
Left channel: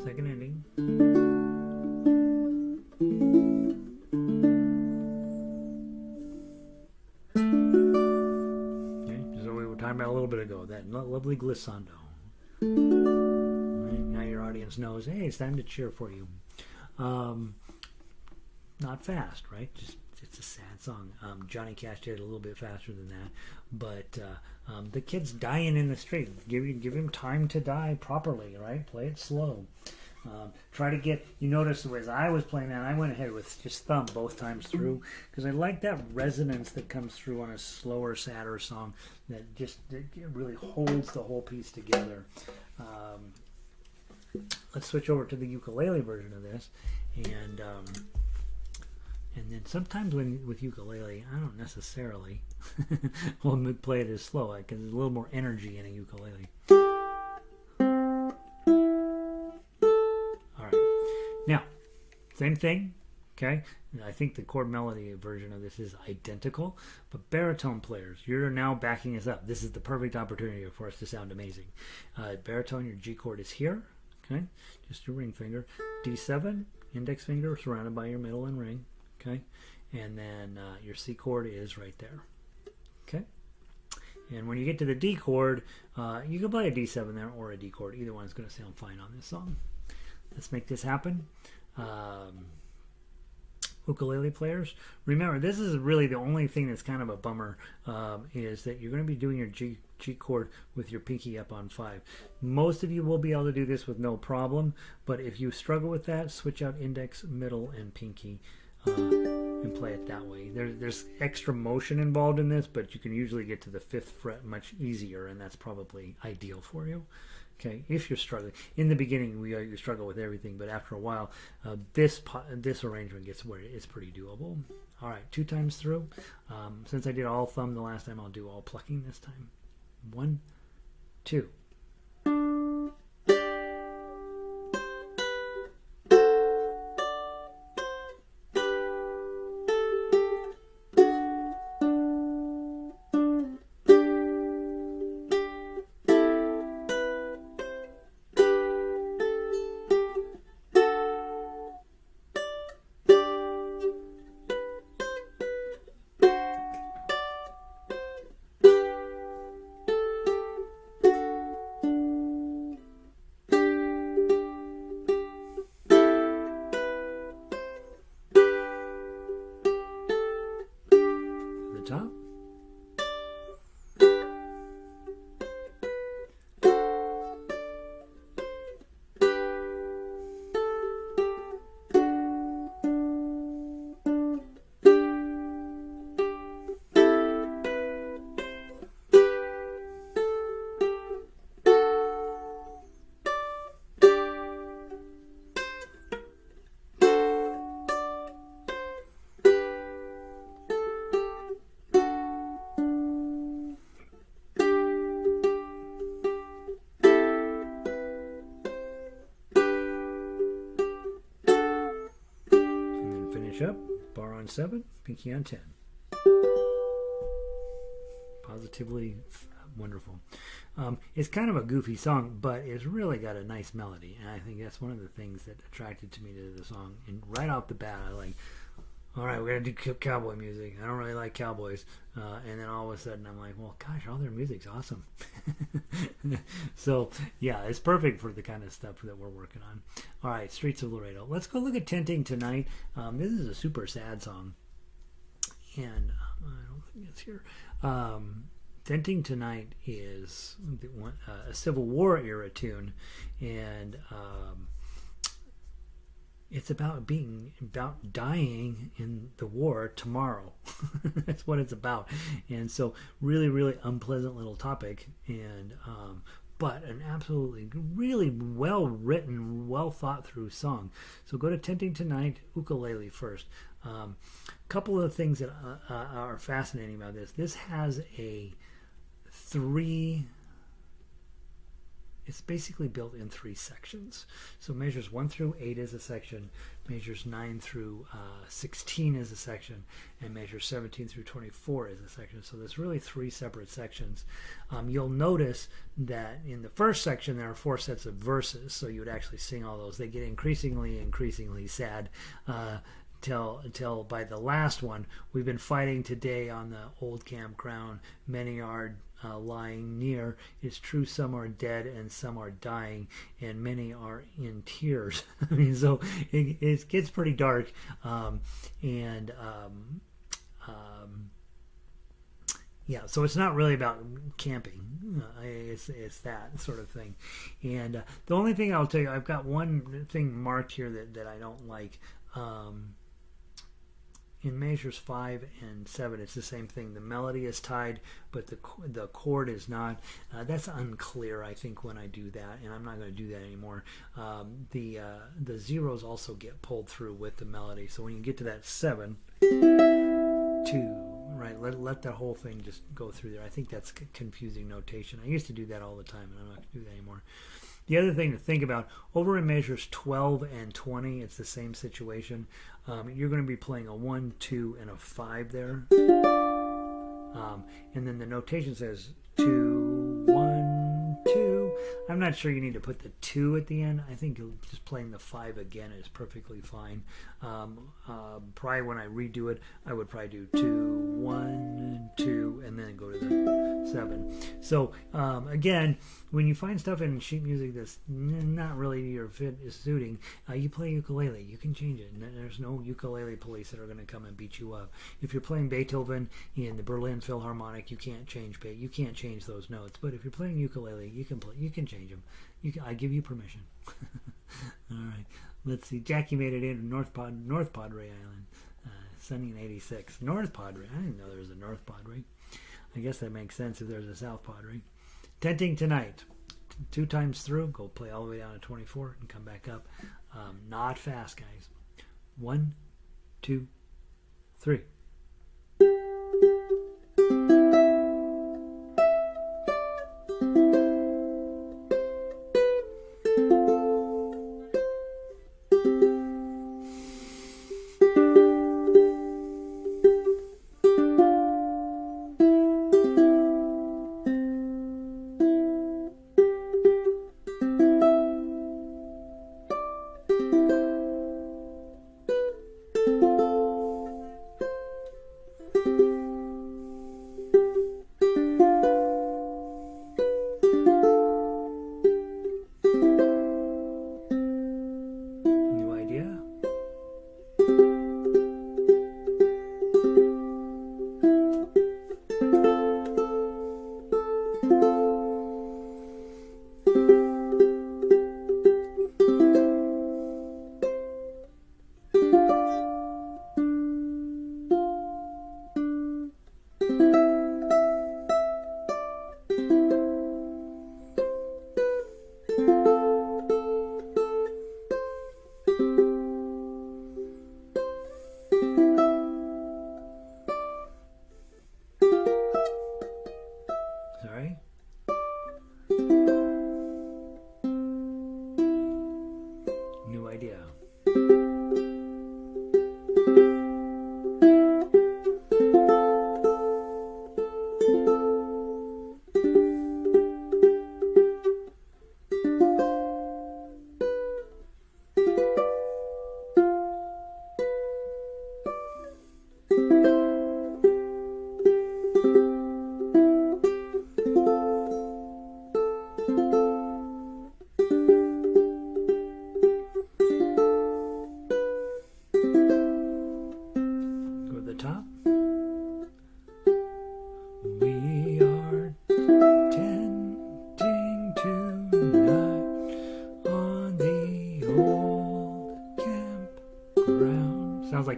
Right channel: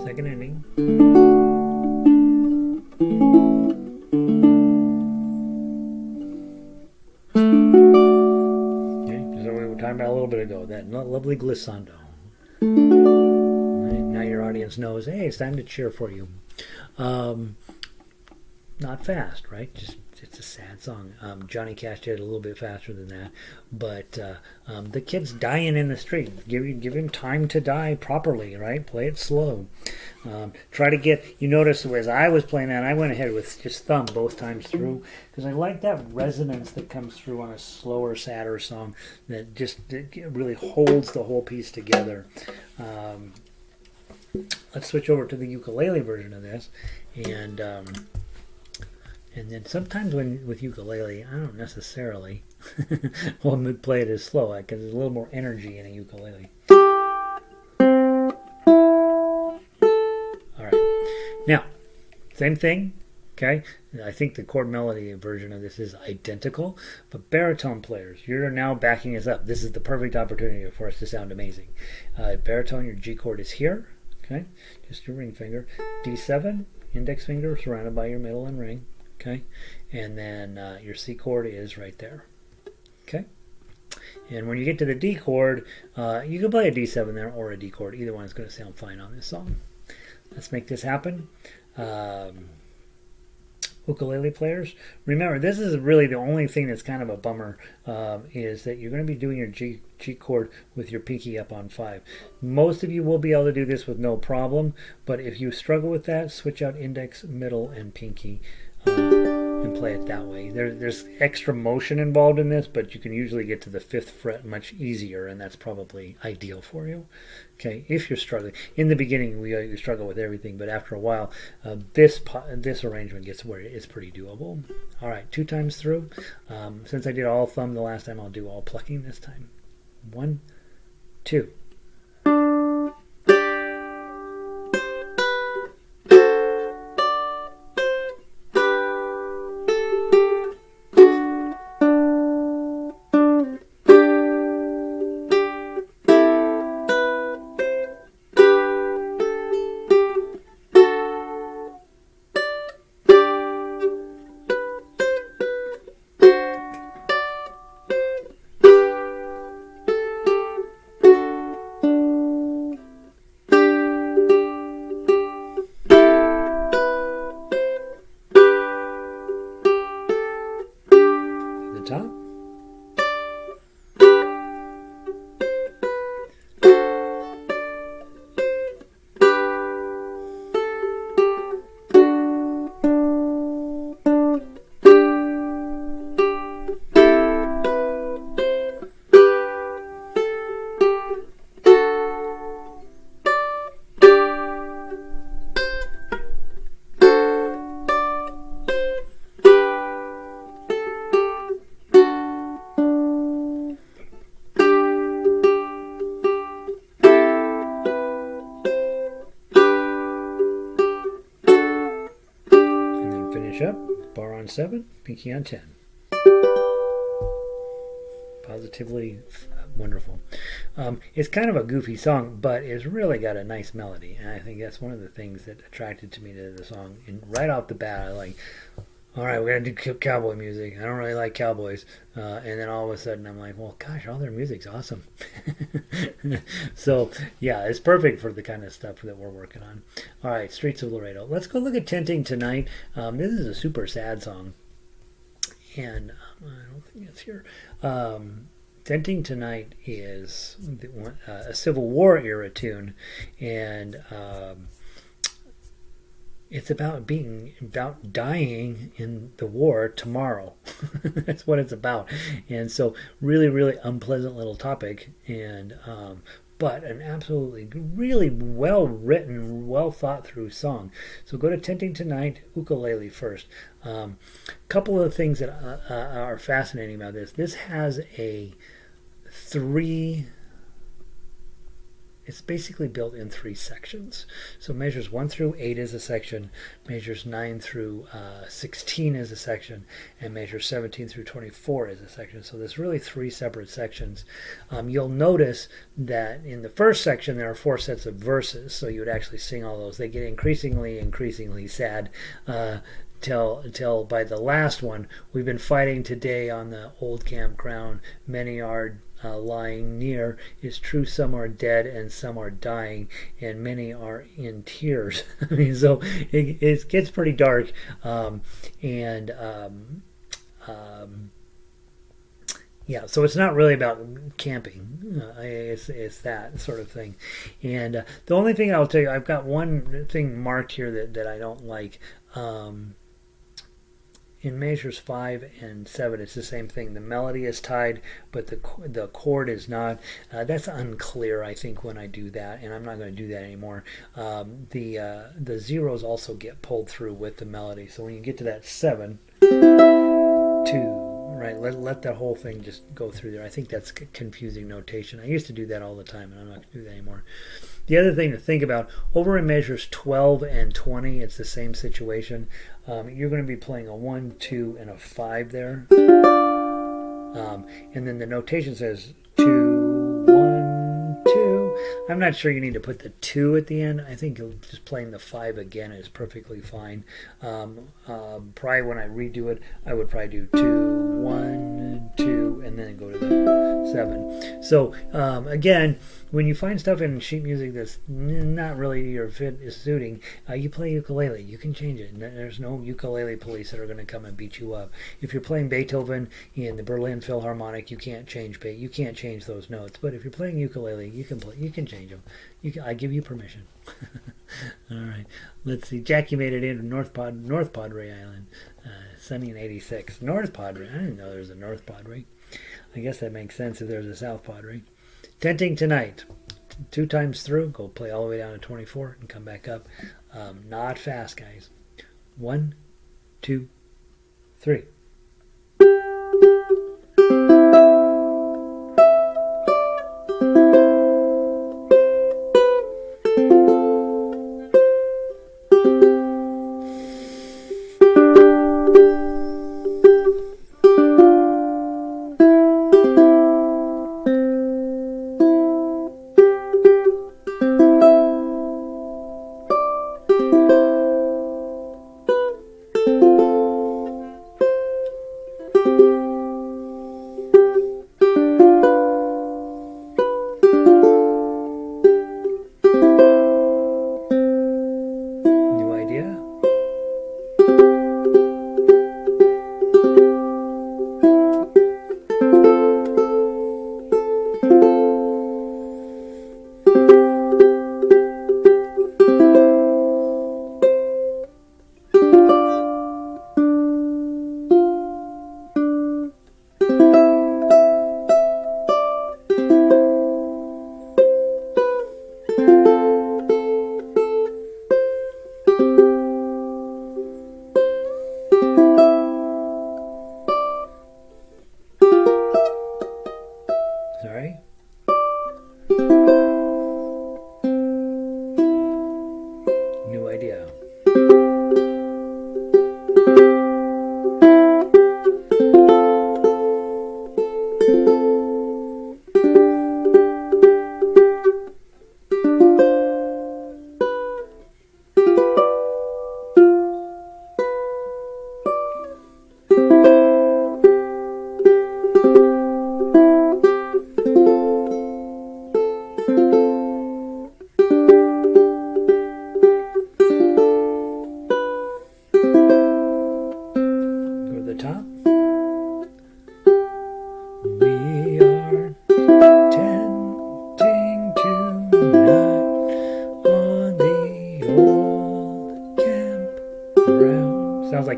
Second ending. Okay, so we were talking about a little bit ago, that lovely glissando. Right, now your audience knows, hey, it's time to cheer for you. Not fast, right? It's a sad song. Johnny Cash did it a little bit faster than that, but the kid's dying in the street. Give him time to die properly, right? Play it slow. Try to get. You notice as I was playing that, I went ahead with just thumb both times through because I like that resonance that comes through on a slower, sadder song that just really holds the whole piece together. Let's switch over to the ukulele version of this, and then sometimes with ukulele, I don't necessarily want to play it as slow because there's a little more energy in a ukulele. All right, now same thing. Okay, I think the chord melody version of this is identical, but baritone players, you're now backing us up. This is the perfect opportunity for us to sound amazing. Baritone, your G chord is here. Okay, just your ring finger, D7, index finger surrounded by your middle and ring. Okay, and then your C chord is right there. Okay, and when you get to the D chord, you can play a D7 there or a D chord. Either one is going to sound fine on this song. Let's make this happen. ukulele players, remember this is really the only thing that's kind of a bummer, is that you're going to be doing your G chord with your pinky up on 5. Most of you will be able to do this with no problem, but if you struggle with that, switch out index, middle, and pinky, and play it that way. There's extra motion involved in this, but you can usually get to the 5th fret much easier, and that's probably ideal for you. Okay, if you're struggling. In the beginning, you struggle with everything, but after a while, this arrangement gets where it's pretty doable. All right, 2 times through. Since I did all thumb the last time, I'll do all plucking this time. 1, 2. Top. Up, bar on 7, pinky on 10. Positively wonderful. It's kind of a goofy song, but it's really got a nice melody, and I think that's one of the things that attracted to me to the song. And right off the bat, I like, all right, we're gonna do cowboy music. I don't really like cowboys, and then all of a sudden I'm like, well, gosh, all their music's awesome. So yeah, it's perfect for the kind of stuff that we're working on. All right, Streets of Laredo. Let's go look at Tenting Tonight. This is a super sad song, and I don't think it's here. Tenting Tonight is a Civil War era tune, and it's about dying in the war tomorrow. That's what it's about. And so really, really unpleasant little topic, and but an absolutely really well written, well thought through song. So go to Tenting Tonight, ukulele first. Couple of things that are fascinating about this. This has a 3. It's basically built in 3 sections. So measures 1 through 8 is a section, measures 9 through 16 is a section, and measures 17 through 24 is a section. So there's really 3 separate sections. You'll notice that in the first section there are 4 sets of verses, so you would actually sing all those. They get increasingly sad till by the last one, we've been fighting today on the old campground. Many are lying near. It's true, some are dead and some are dying, and many are in tears. I mean, so it gets pretty dark, yeah, so it's not really about camping. It's that sort of thing. And the only thing I'll tell you, I've got one thing marked here that I don't like. In measures 5 and 7, it's the same thing. The melody is tied, but the chord is not. That's unclear, I think, when I do that, and I'm not going to do that anymore. The zeros also get pulled through with the melody. So when you get to that 7, 2, right, let that whole thing just go through there. I think that's confusing notation. I used to do that all the time, and I'm not going to do that anymore. The other thing to think about, over in measures 12 and 20, it's the same situation. You're going to be playing a 1, 2, and a 5 there. And then the notation says 2, 1, 2. I'm not sure you need to put the 2 at the end. I think just playing the 5 again is perfectly fine. Probably when I redo it, I would probably do 2, 1, 2, and then go to the 7. So again, when you find stuff in sheet music that's not really your fit is suiting, you play ukulele. You can change it. There's no ukulele police that are going to come and beat you up. If you're playing Beethoven in the Berlin Philharmonic, you can't change those notes. But if you're playing ukulele, you can change them. I give you permission. All right. Let's see. Jackie made it in North Padre Island. Sunny in 86. North Padre. I didn't know there was a North Padre. I guess that makes sense if there's a South Padre. Tenting Tonight. 2 times through. Go play all the way down to 24 and come back up. Not fast, guys. 1, 2, 3.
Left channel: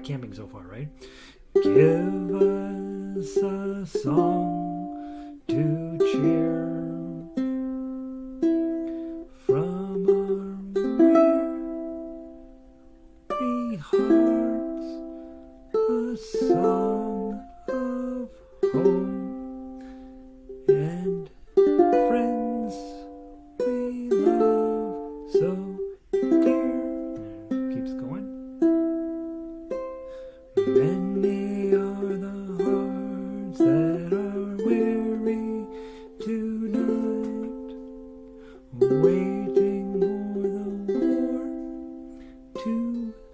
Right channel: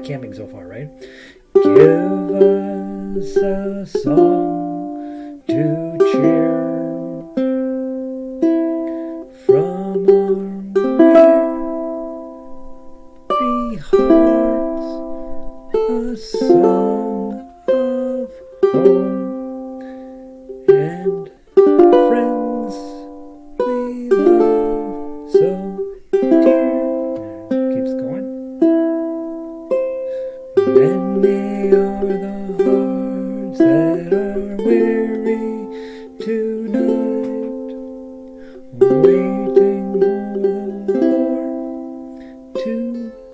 Camping so far, right? Give us a song to cheer from our weary hearts, a song of home and friends we love so dear. Keeps going. Many are the hearts that are weary tonight, waiting for the war to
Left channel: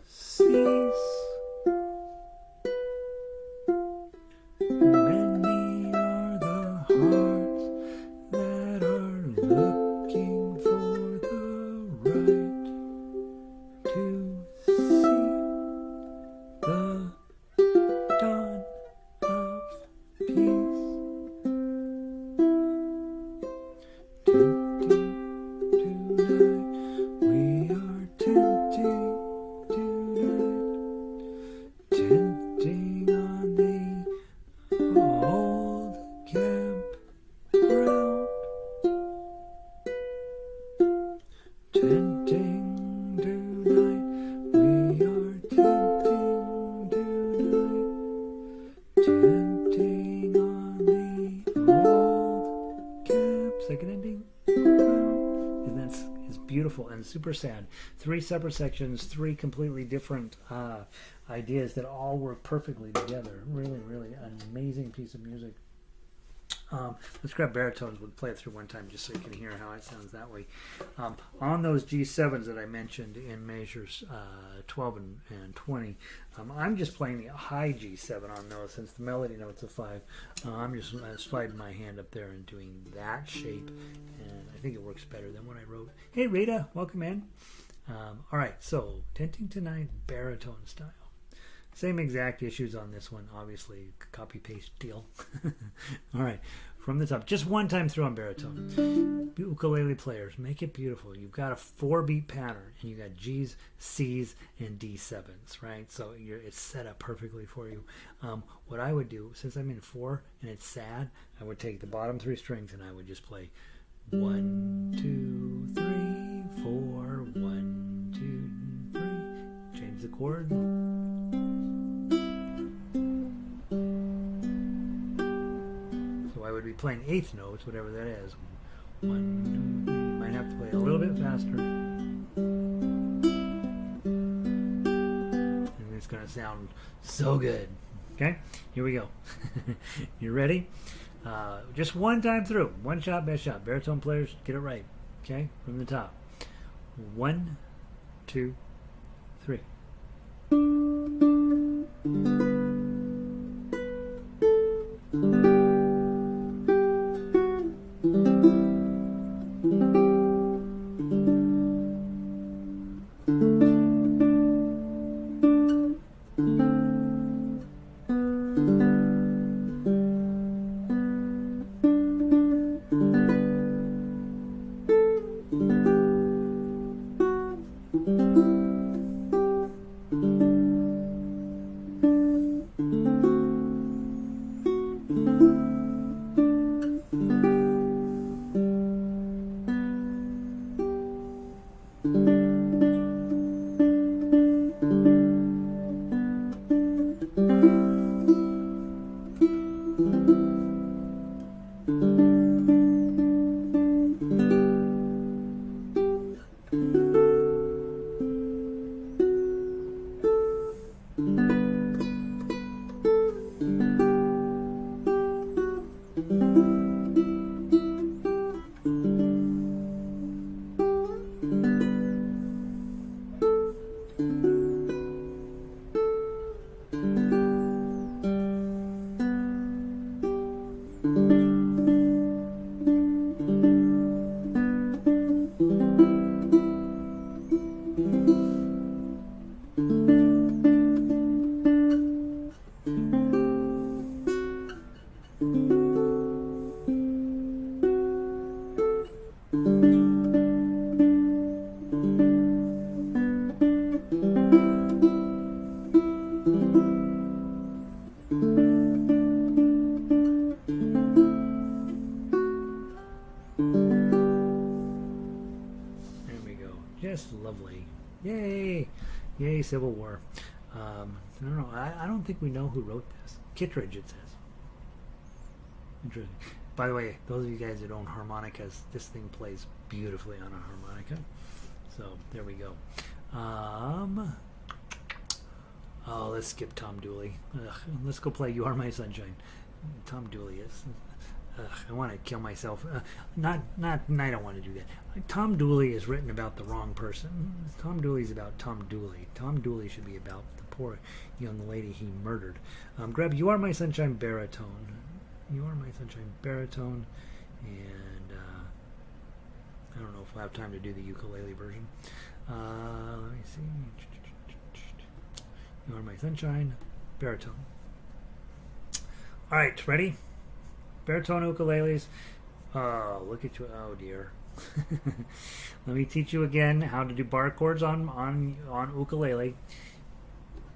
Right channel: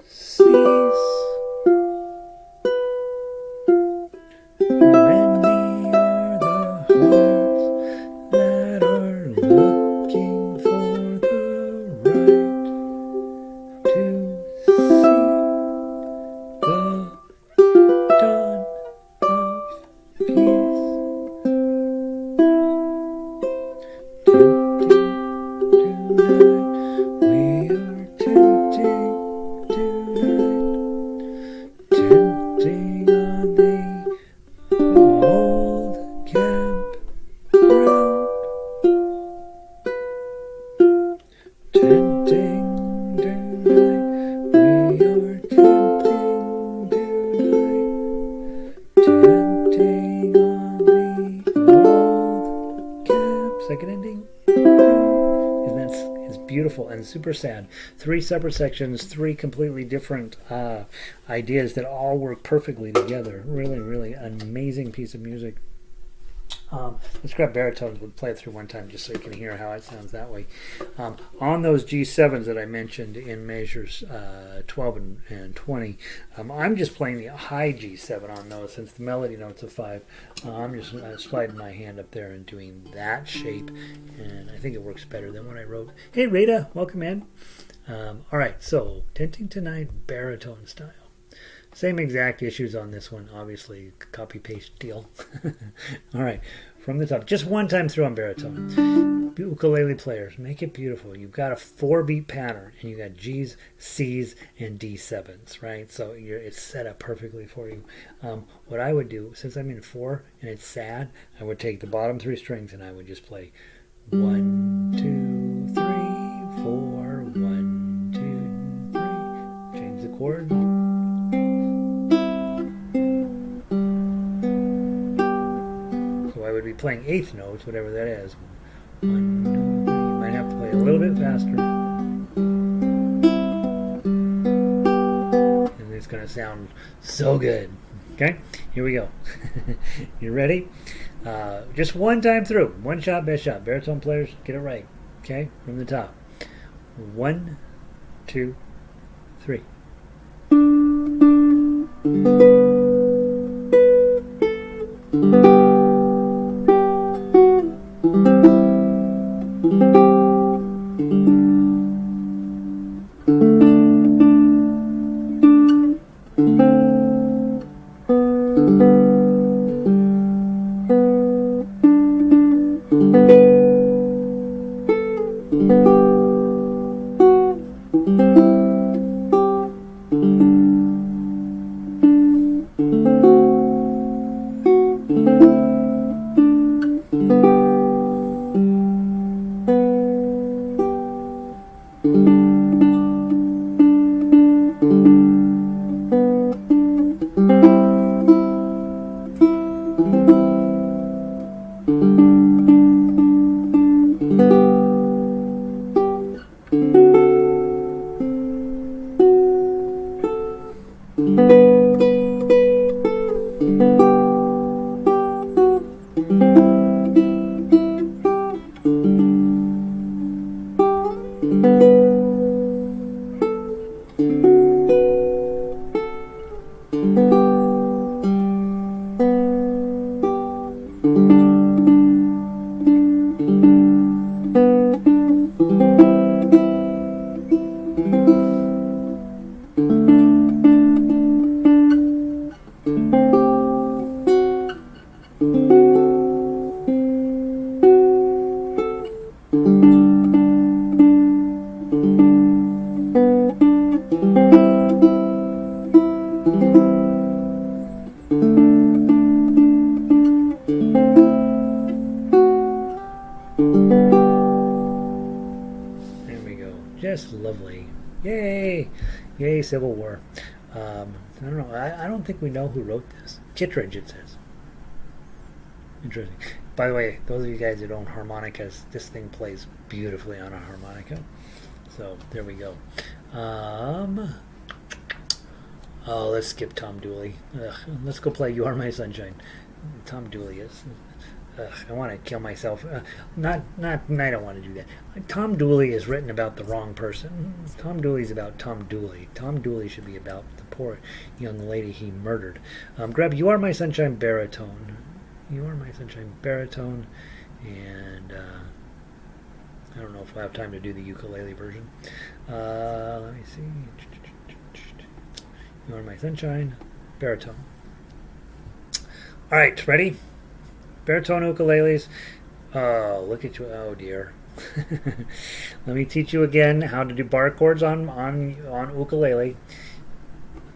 cease. Many are the hearts that are looking for the right to see the dawn of peace. Tenting tonight, we are tenting tonight, tenting on the old campground, tenting tonight, we are tenting tonight, tenting on the old camp. Second ending. And it's beautiful and super sad. 3 separate sections, 3 completely different ideas that all work perfectly together. Really, really amazing piece of music. Let's grab baritones. We'll play it through one time just so you can hear how it sounds that way. On those G7s that I mentioned in measures 12 and 20, I'm just playing the high G7 on those since the melody note's a 5. I'm just sliding my hand up there and doing that shape, and I think it works better than what I wrote. Hey Rita, welcome in. All right, so Tinting Tonight baritone style. Same exact issues on this one, obviously, copy-paste deal. All right, from the top, just one time through on baritone. Ukulele players, make it beautiful. You've got a 4-beat pattern, and you got G's, C's, and D7s, right? So it's set up perfectly for you. What I would do, since I'm in 4 and it's sad, I would take the bottom 3 strings and I would just play 1, 2, 3, 4, 1, 2, 3. Change the chord. I would be playing 8th notes, whatever that is. 1, 2, 3. You might have to play a little bit faster. And it's going to sound so good. Okay, here we go. You ready? Just one time through. One shot, best shot. Baritone players, get it right. Okay, from the top. 1, 2, 3. Lovely. Yay! Yay, Civil War. I don't know. I don't think we know who wrote this. Kittredge, it says. Interesting. By the way, those of you guys that own harmonicas, this thing plays beautifully on a harmonica. So, there we go. Oh, let's skip Tom Dooley. Let's go play You Are My Sunshine. Tom Dooley is... I want to kill myself. I don't want to do that. Tom Dooley is written about the wrong person. Tom Dooley's about Tom Dooley. Tom Dooley should be about the poor young lady he murdered. Grab You Are My Sunshine baritone. You Are My Sunshine baritone. And I don't know if we'll have time to do the ukulele version. Let me see. You Are My Sunshine baritone. All right, ready? Baritone ukuleles. Oh, look at you. Oh, dear. Let me teach you again how to do bar chords on ukulele.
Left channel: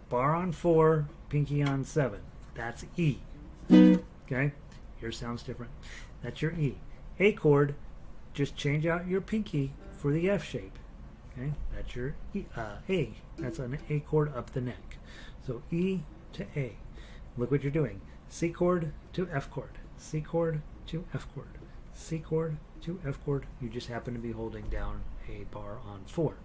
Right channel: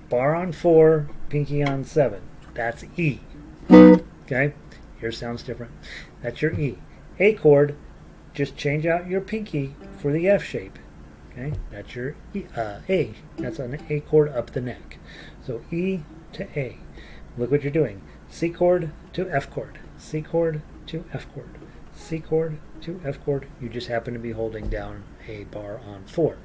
Bar on 4, pinky on 7. That's E. Okay? Yours sounds different. That's your E. A chord, just change out your pinky for the F shape. Okay? That's your E, A. That's an A chord up the neck. So E to A. Look what you're doing. C chord to F chord. C chord to F chord. C chord to F chord. You just happen to be holding down a bar on 4.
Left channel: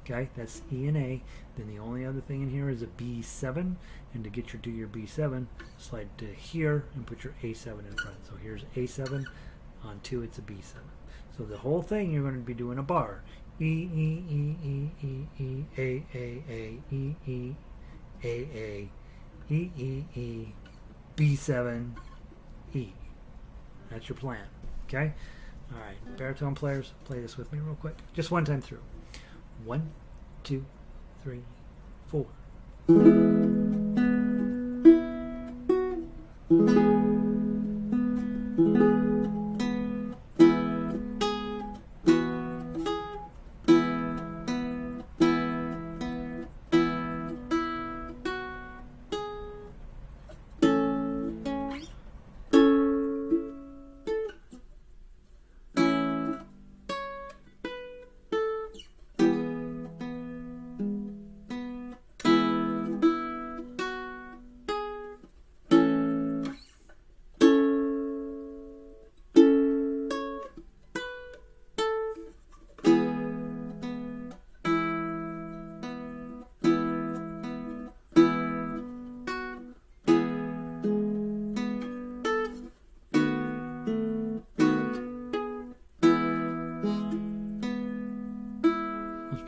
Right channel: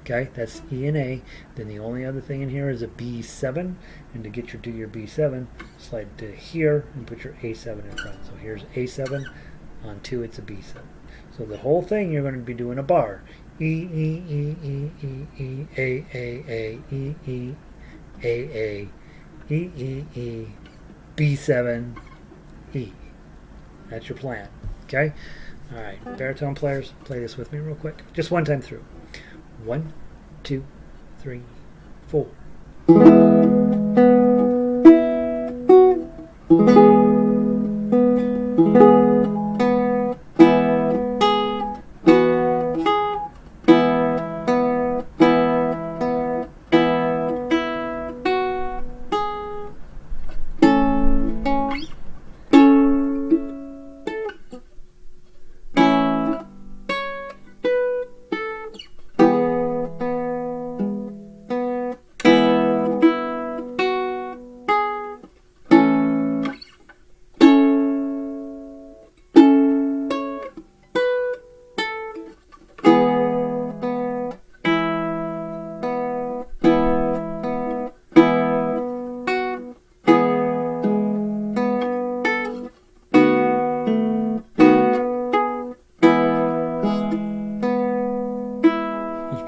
Okay, that's E and A. Then the only other thing in here is a B7, and to get you to your B7, slide to here and put your A7 in front. So here's A7, on 2 it's a B7. So the whole thing you're going to be doing a bar. E, E, E, E, E, E, A, A, E, E, A, E, E, E, B7, E. That's your plan. Okay? Alright, baritone players, play this with me real quick. Just one time through. 1, 2, 3, 4.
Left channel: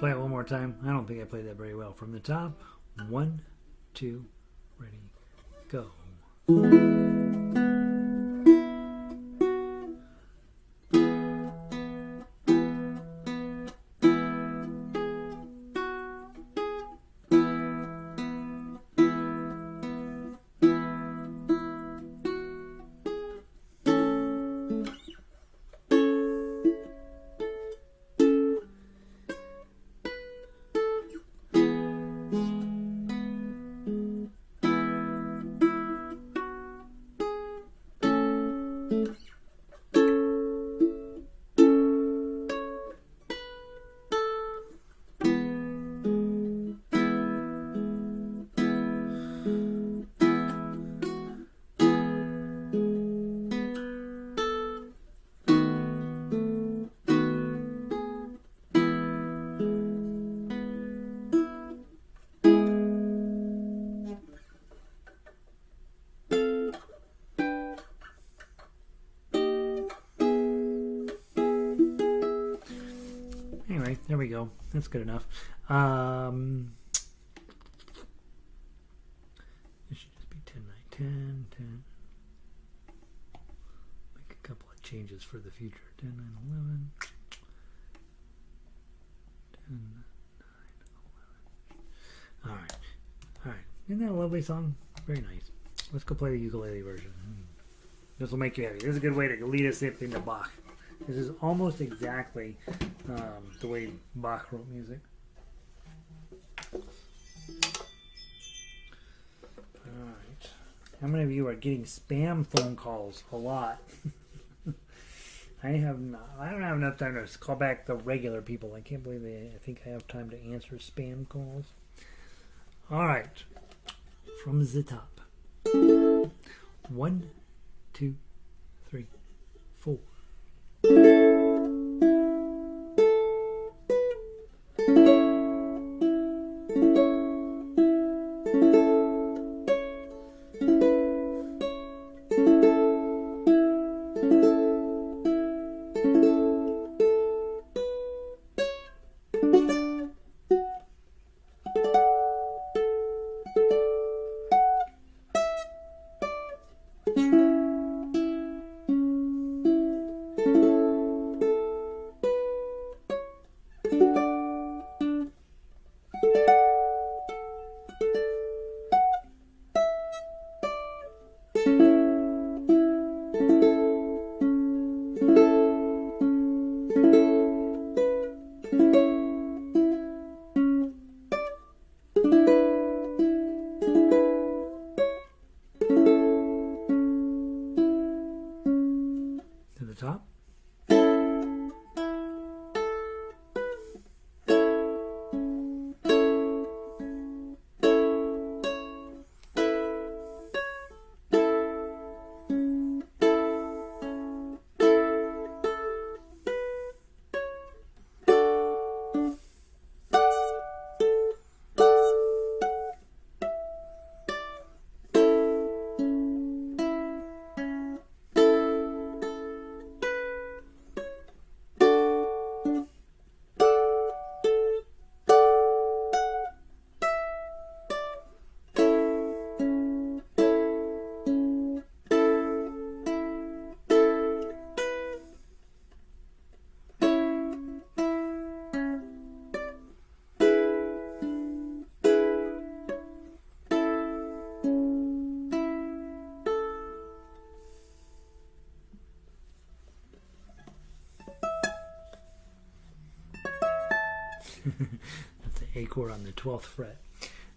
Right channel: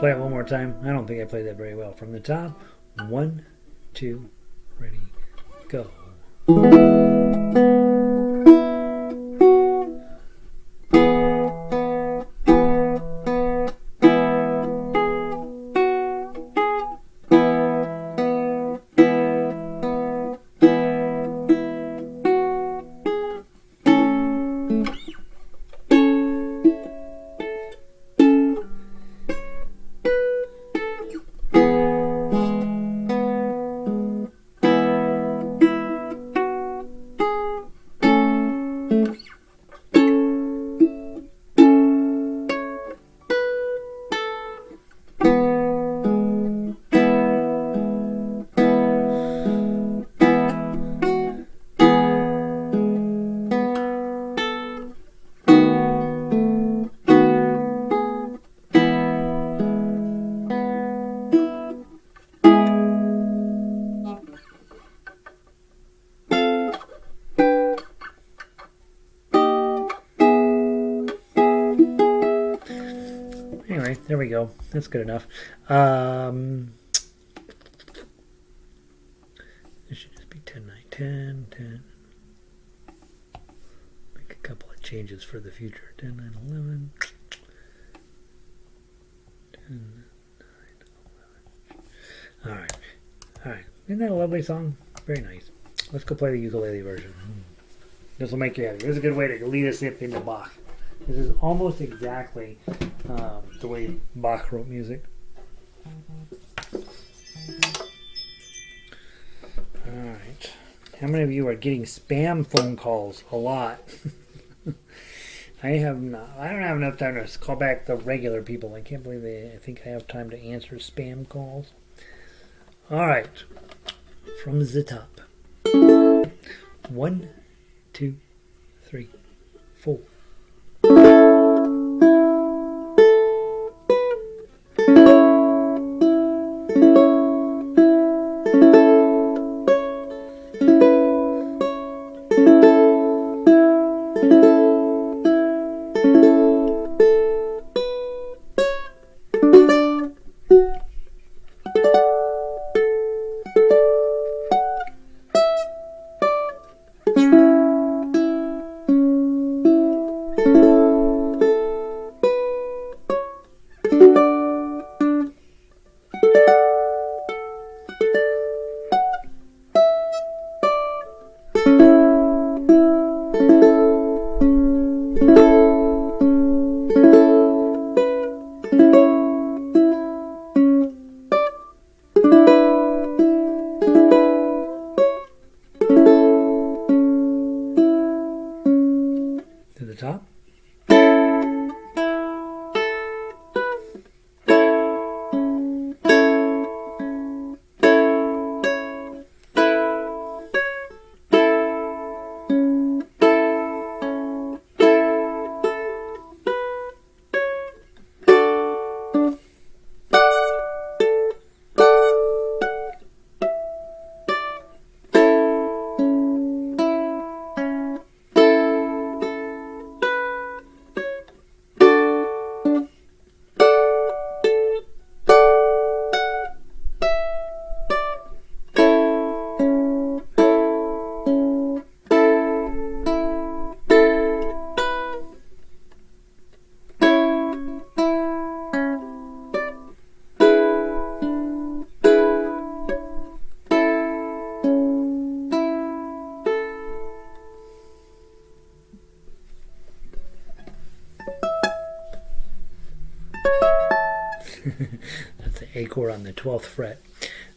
Play it one more time. I don't think I played that very well. From the top, 1, 2, ready, go. Anyway, there we go. That's good enough. This should just be 10, 9, 10, 10. Make a couple of changes for the future. 10, 9, 11. 10, 9, 11. All right. All right. Isn't that a lovely song? Very nice. Let's go play the ukulele version. This will make you happy. This is a good way to lead us into Bach. This is almost exactly the way Bach wrote music. Alright. How many of you are getting spam phone calls? A lot. I don't have enough time to call back the regular people. I can't believe I think I have time to answer spam calls. Alright. From the top. 1, 2, 3, 4. Top. That's the A chord on the 12th fret.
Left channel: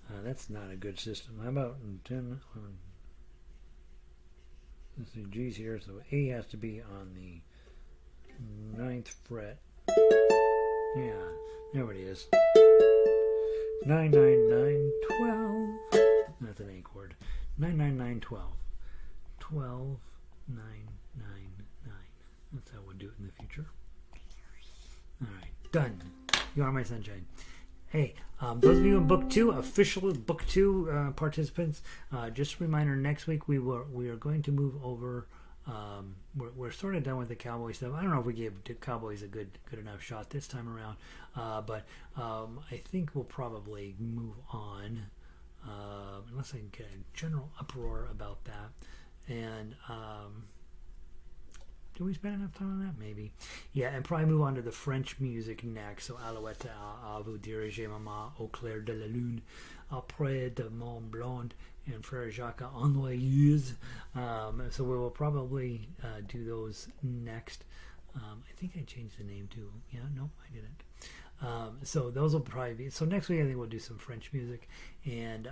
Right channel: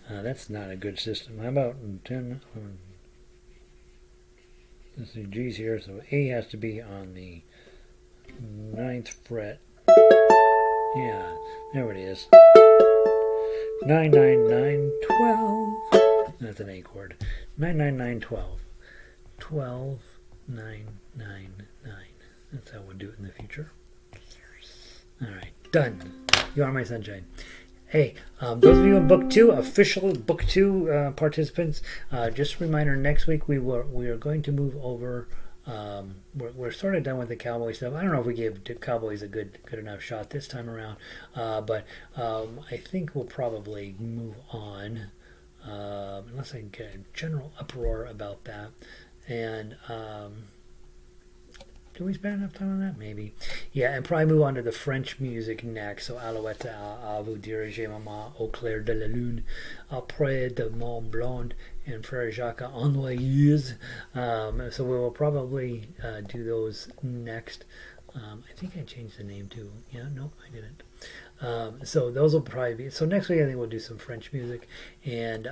That's not a good system. How about 10? Let's see, G's here, so A has to be on the 9th fret. Yeah, there it is. 9, 9, 9, 12. That's an A chord. 9, 9, 9, 12. 12, 9, 9, 9. That's how we'll do it in the future. All right, done. You are my sunshine. Hey, those of you in Book 2, official Book 2 participants, just a reminder, next week we are going to move over. We're sort of done with the cowboy stuff. I don't know if we gave the Cowboys a good enough shot this time around, but I think we'll probably move on, unless I get a general uproar about that. And do we spend enough time on that? Maybe. Yeah, and probably move on to the French music next. So Alouette, à vous diriger, maman, au clair de la lune, après de Mont Blanc, and Frère Jacques Ennoyeuse. So we will probably do those next. I think I changed the name too. Yeah, nope, I didn't. So those will probably be. So next week I think we'll do some French music. And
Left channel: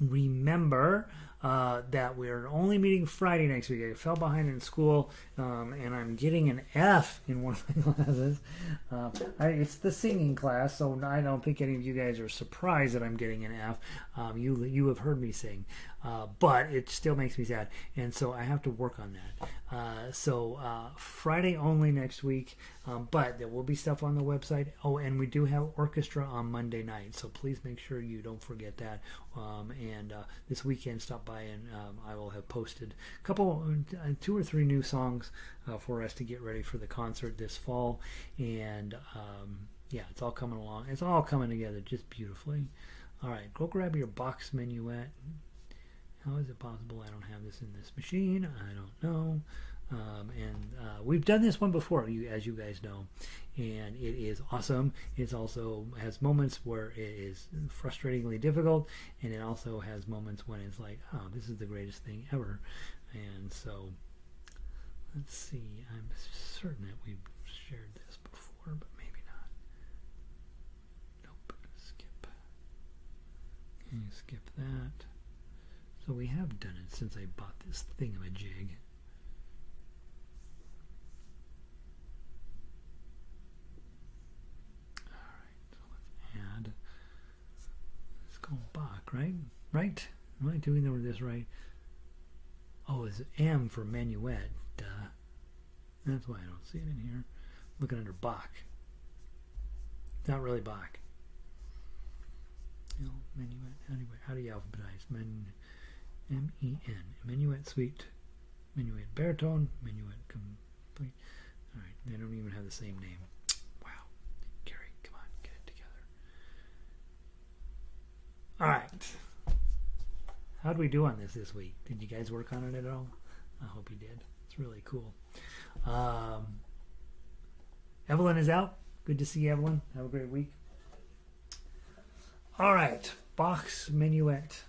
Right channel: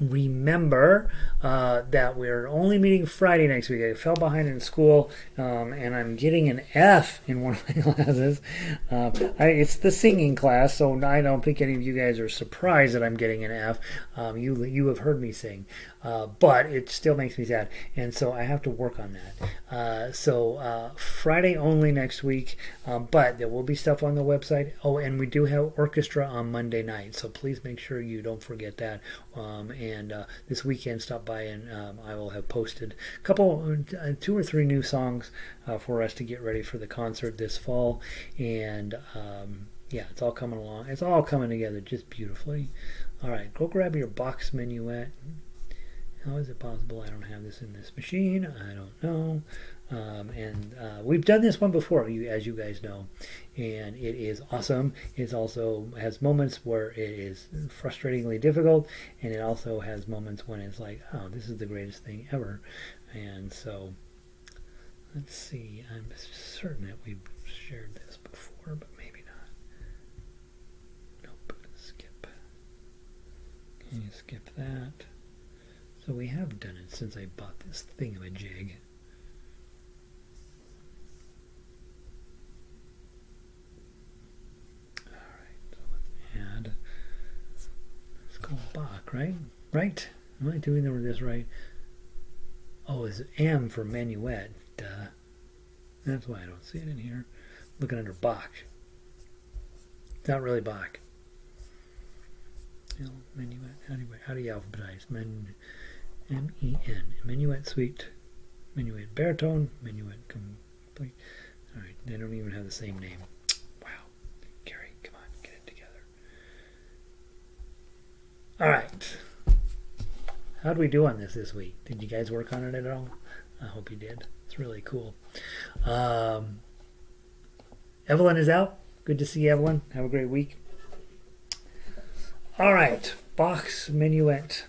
remember that we're only meeting Friday next week. I fell behind in school, and I'm getting an F in one of my classes. It's the singing class, so I don't think any of you guys are surprised that I'm getting an F. You have heard me sing, but it still makes me sad, and so I have to work on that. So Friday only next week, but there will be stuff on the website. Oh, and we do have orchestra on Monday night, so please make sure you don't forget that. And this weekend, stop by and I will have posted a couple, 2 or 3 new songs for us to get ready for the concert this fall. And yeah, it's all coming along. It's all coming together just beautifully. All right, go grab your Bach's Menuett. How is it possible I don't have this in this machine? I don't know. And we've done this one before, as you guys know, and it is awesome. It also has moments where it is frustratingly difficult, and it also has moments when it's like, oh, this is the greatest thing ever. And so, let's see. I'm certain that we've shared this before, but maybe not. Nope. Skip. Can you skip that? So we have done it since I bought this thingamajig. Add. It's called Bach, right? Right? Am I doing this right? Oh, it's M for Menuett. Duh. That's why I don't see it in here. Looking under Bach. It's not really Bach. Menuett. How do you alphabetize? M-E-N. Menuett Suite. Menuett Baritone. Menuett Complete. All right. They don't even have the same name. All right. How'd we do on this week? Did you guys work on it at all? I hope you did. It's really cool. Evelyn is out. Good to see Evelyn. Have a great week. All right. Bach's Menuett.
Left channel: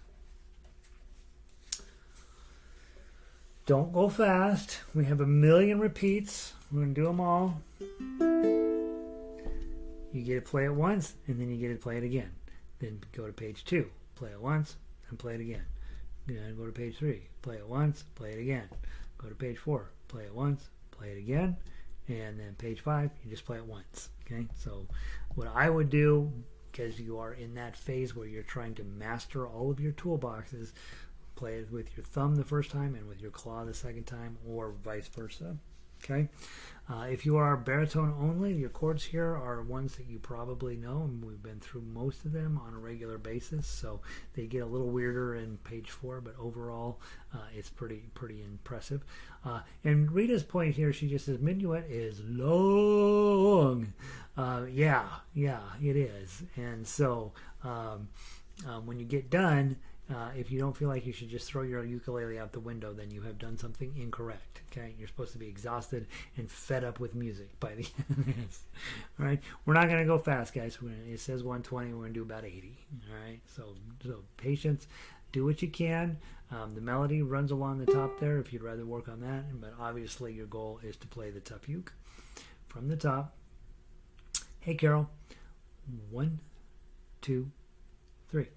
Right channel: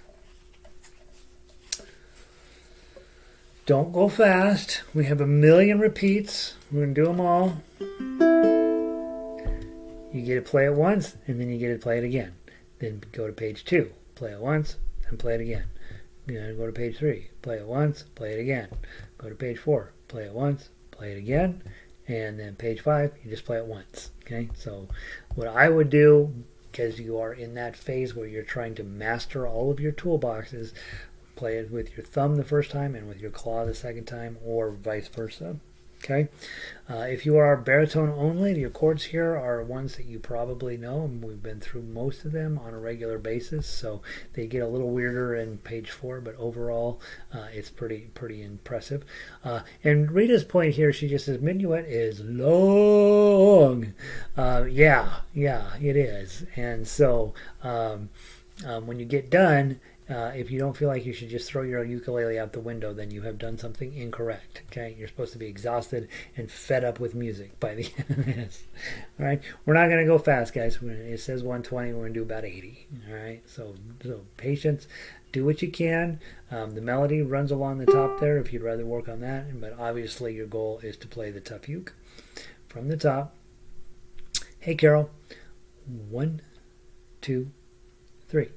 Don't go fast. We have 1,000,000 repeats. We're going to do them all. You get to play it once, and then you get to play it again. Then go to page 2, play it once, and play it again. Go to page 3, play it once, play it again. Go to page 4, play it once, play it again. And then page 5, you just play it once. Okay, so what I would do, because you are in that phase where you're trying to master all of your toolboxes, play it with your thumb the first time and with your claw the second time, or vice versa. Okay, if you are baritone only, your chords here are ones that you probably know, and we've been through most of them on a regular basis, so they get a little weirder in page 4, but overall it's pretty impressive. And Rita's point here, she just says Menuett is long. Yeah, it is. And so when you get done, if you don't feel like you should just throw your ukulele out the window, then you have done something incorrect. Okay, you're supposed to be exhausted and fed up with music by the end of this. All right, we're not going to go fast, guys. It says 120. We're going to do about 80. All right, so patience. Do what you can. The melody runs along the top there if you'd rather work on that. But obviously, your goal is to play the tough uke from the top. Hey, Carol. 1, 2, 3.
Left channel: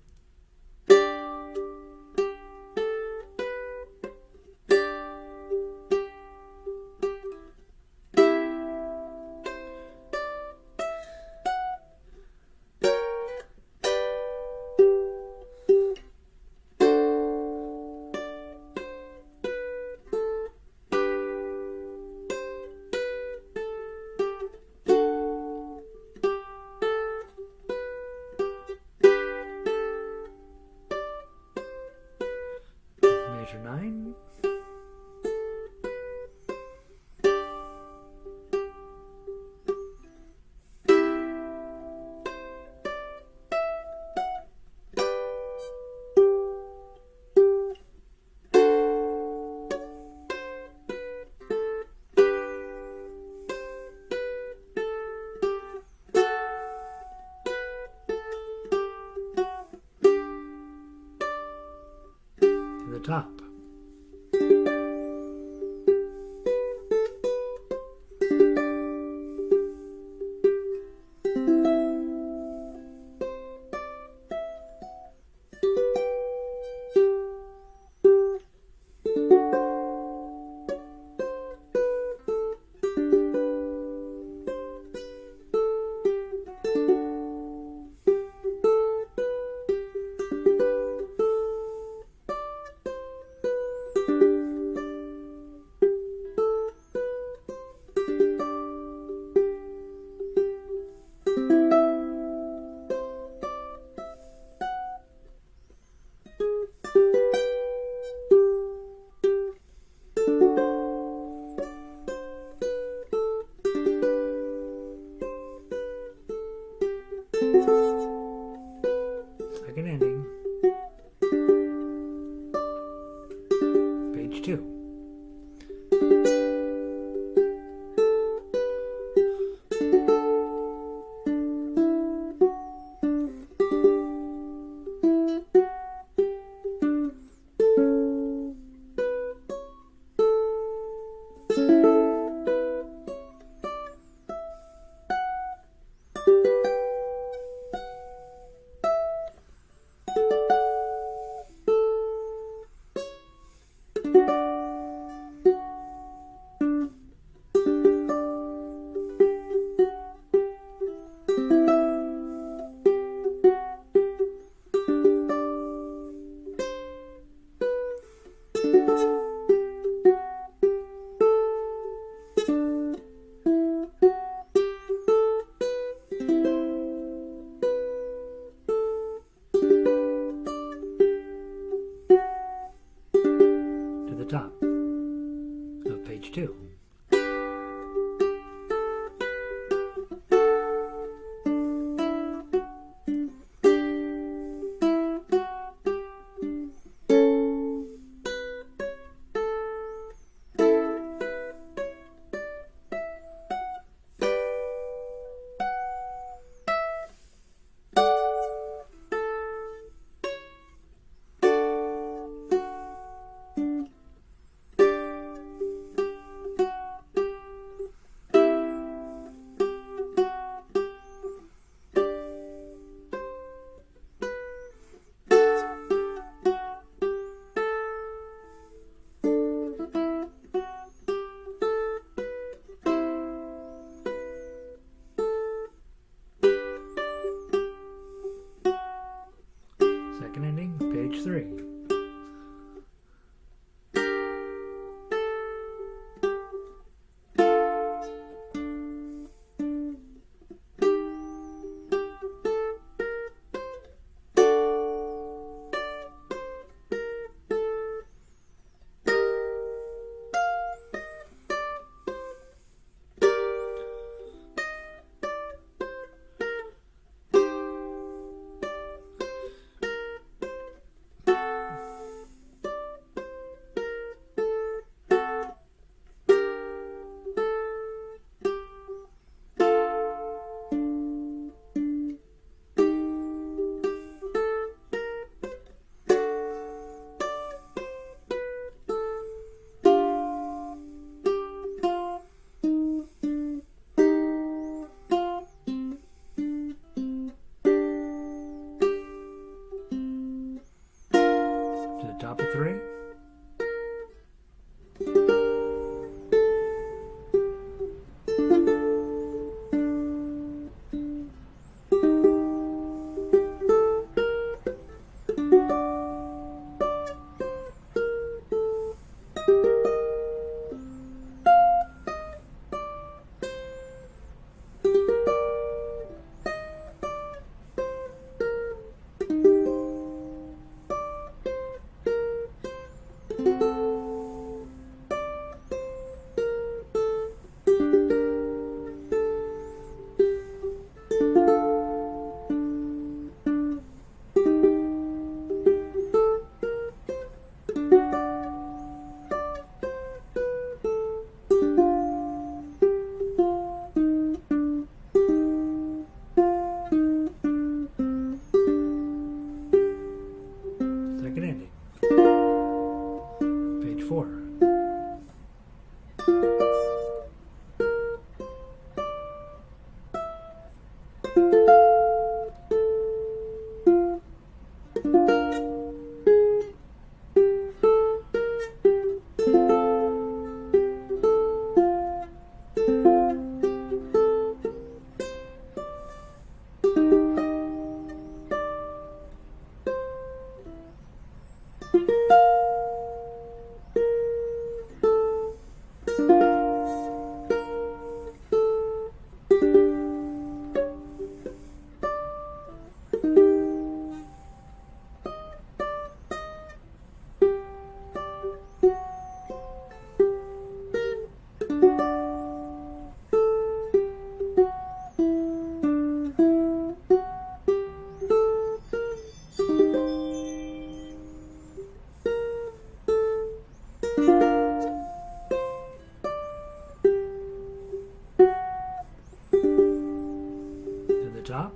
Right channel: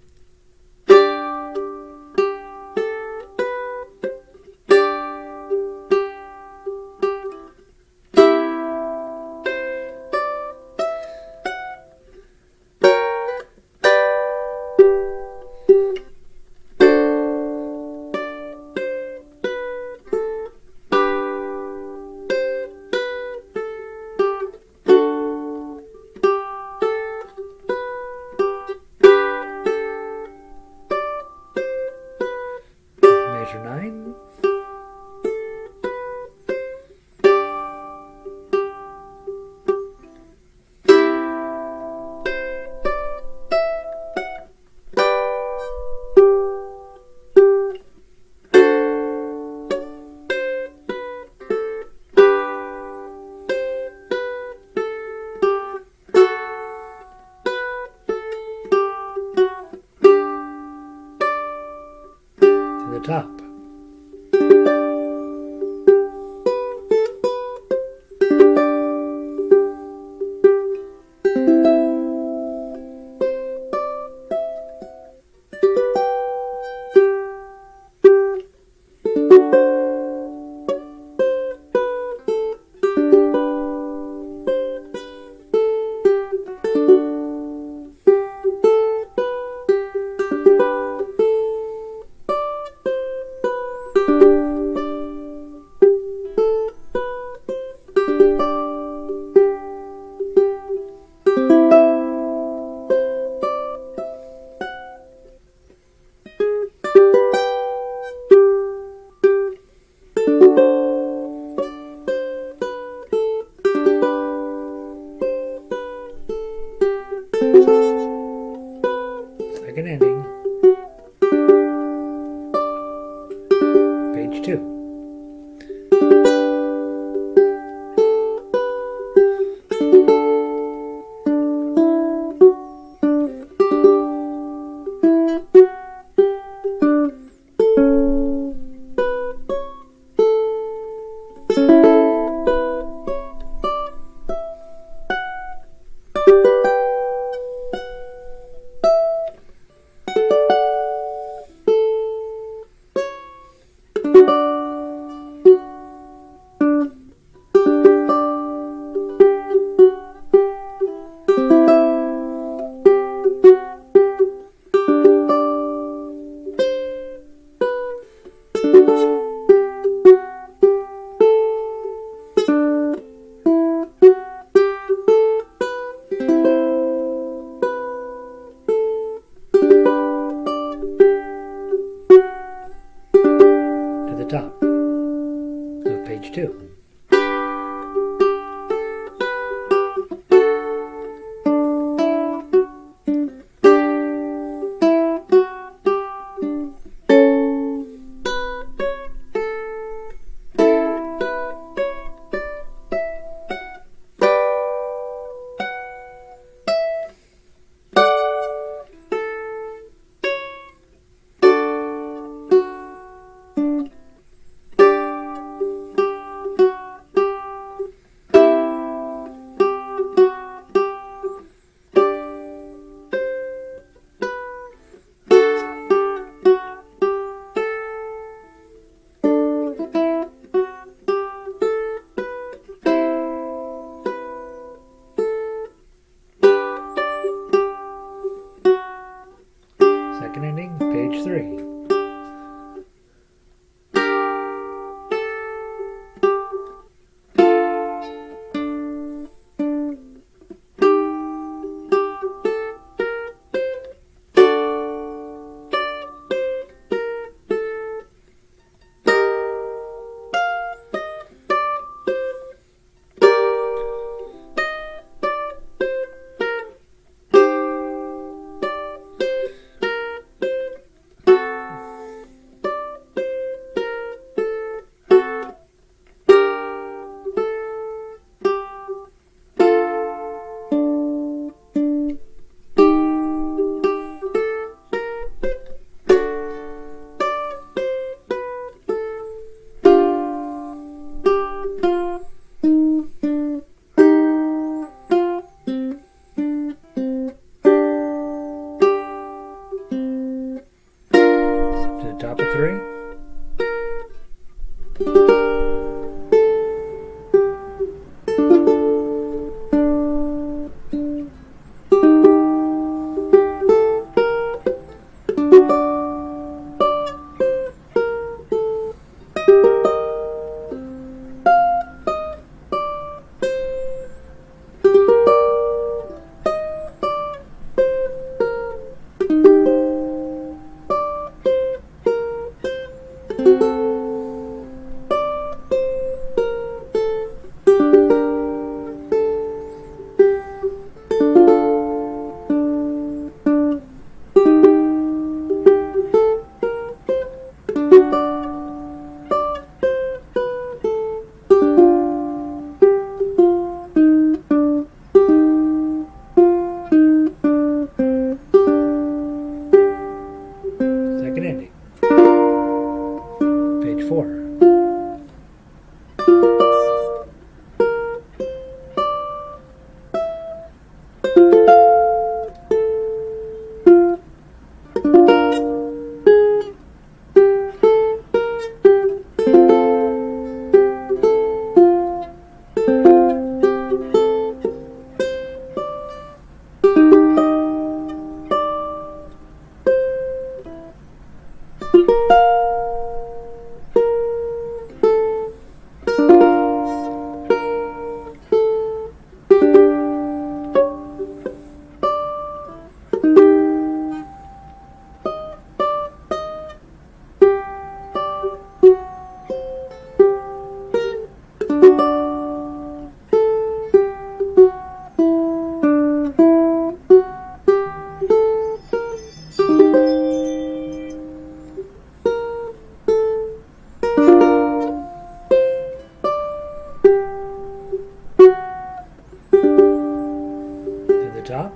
top,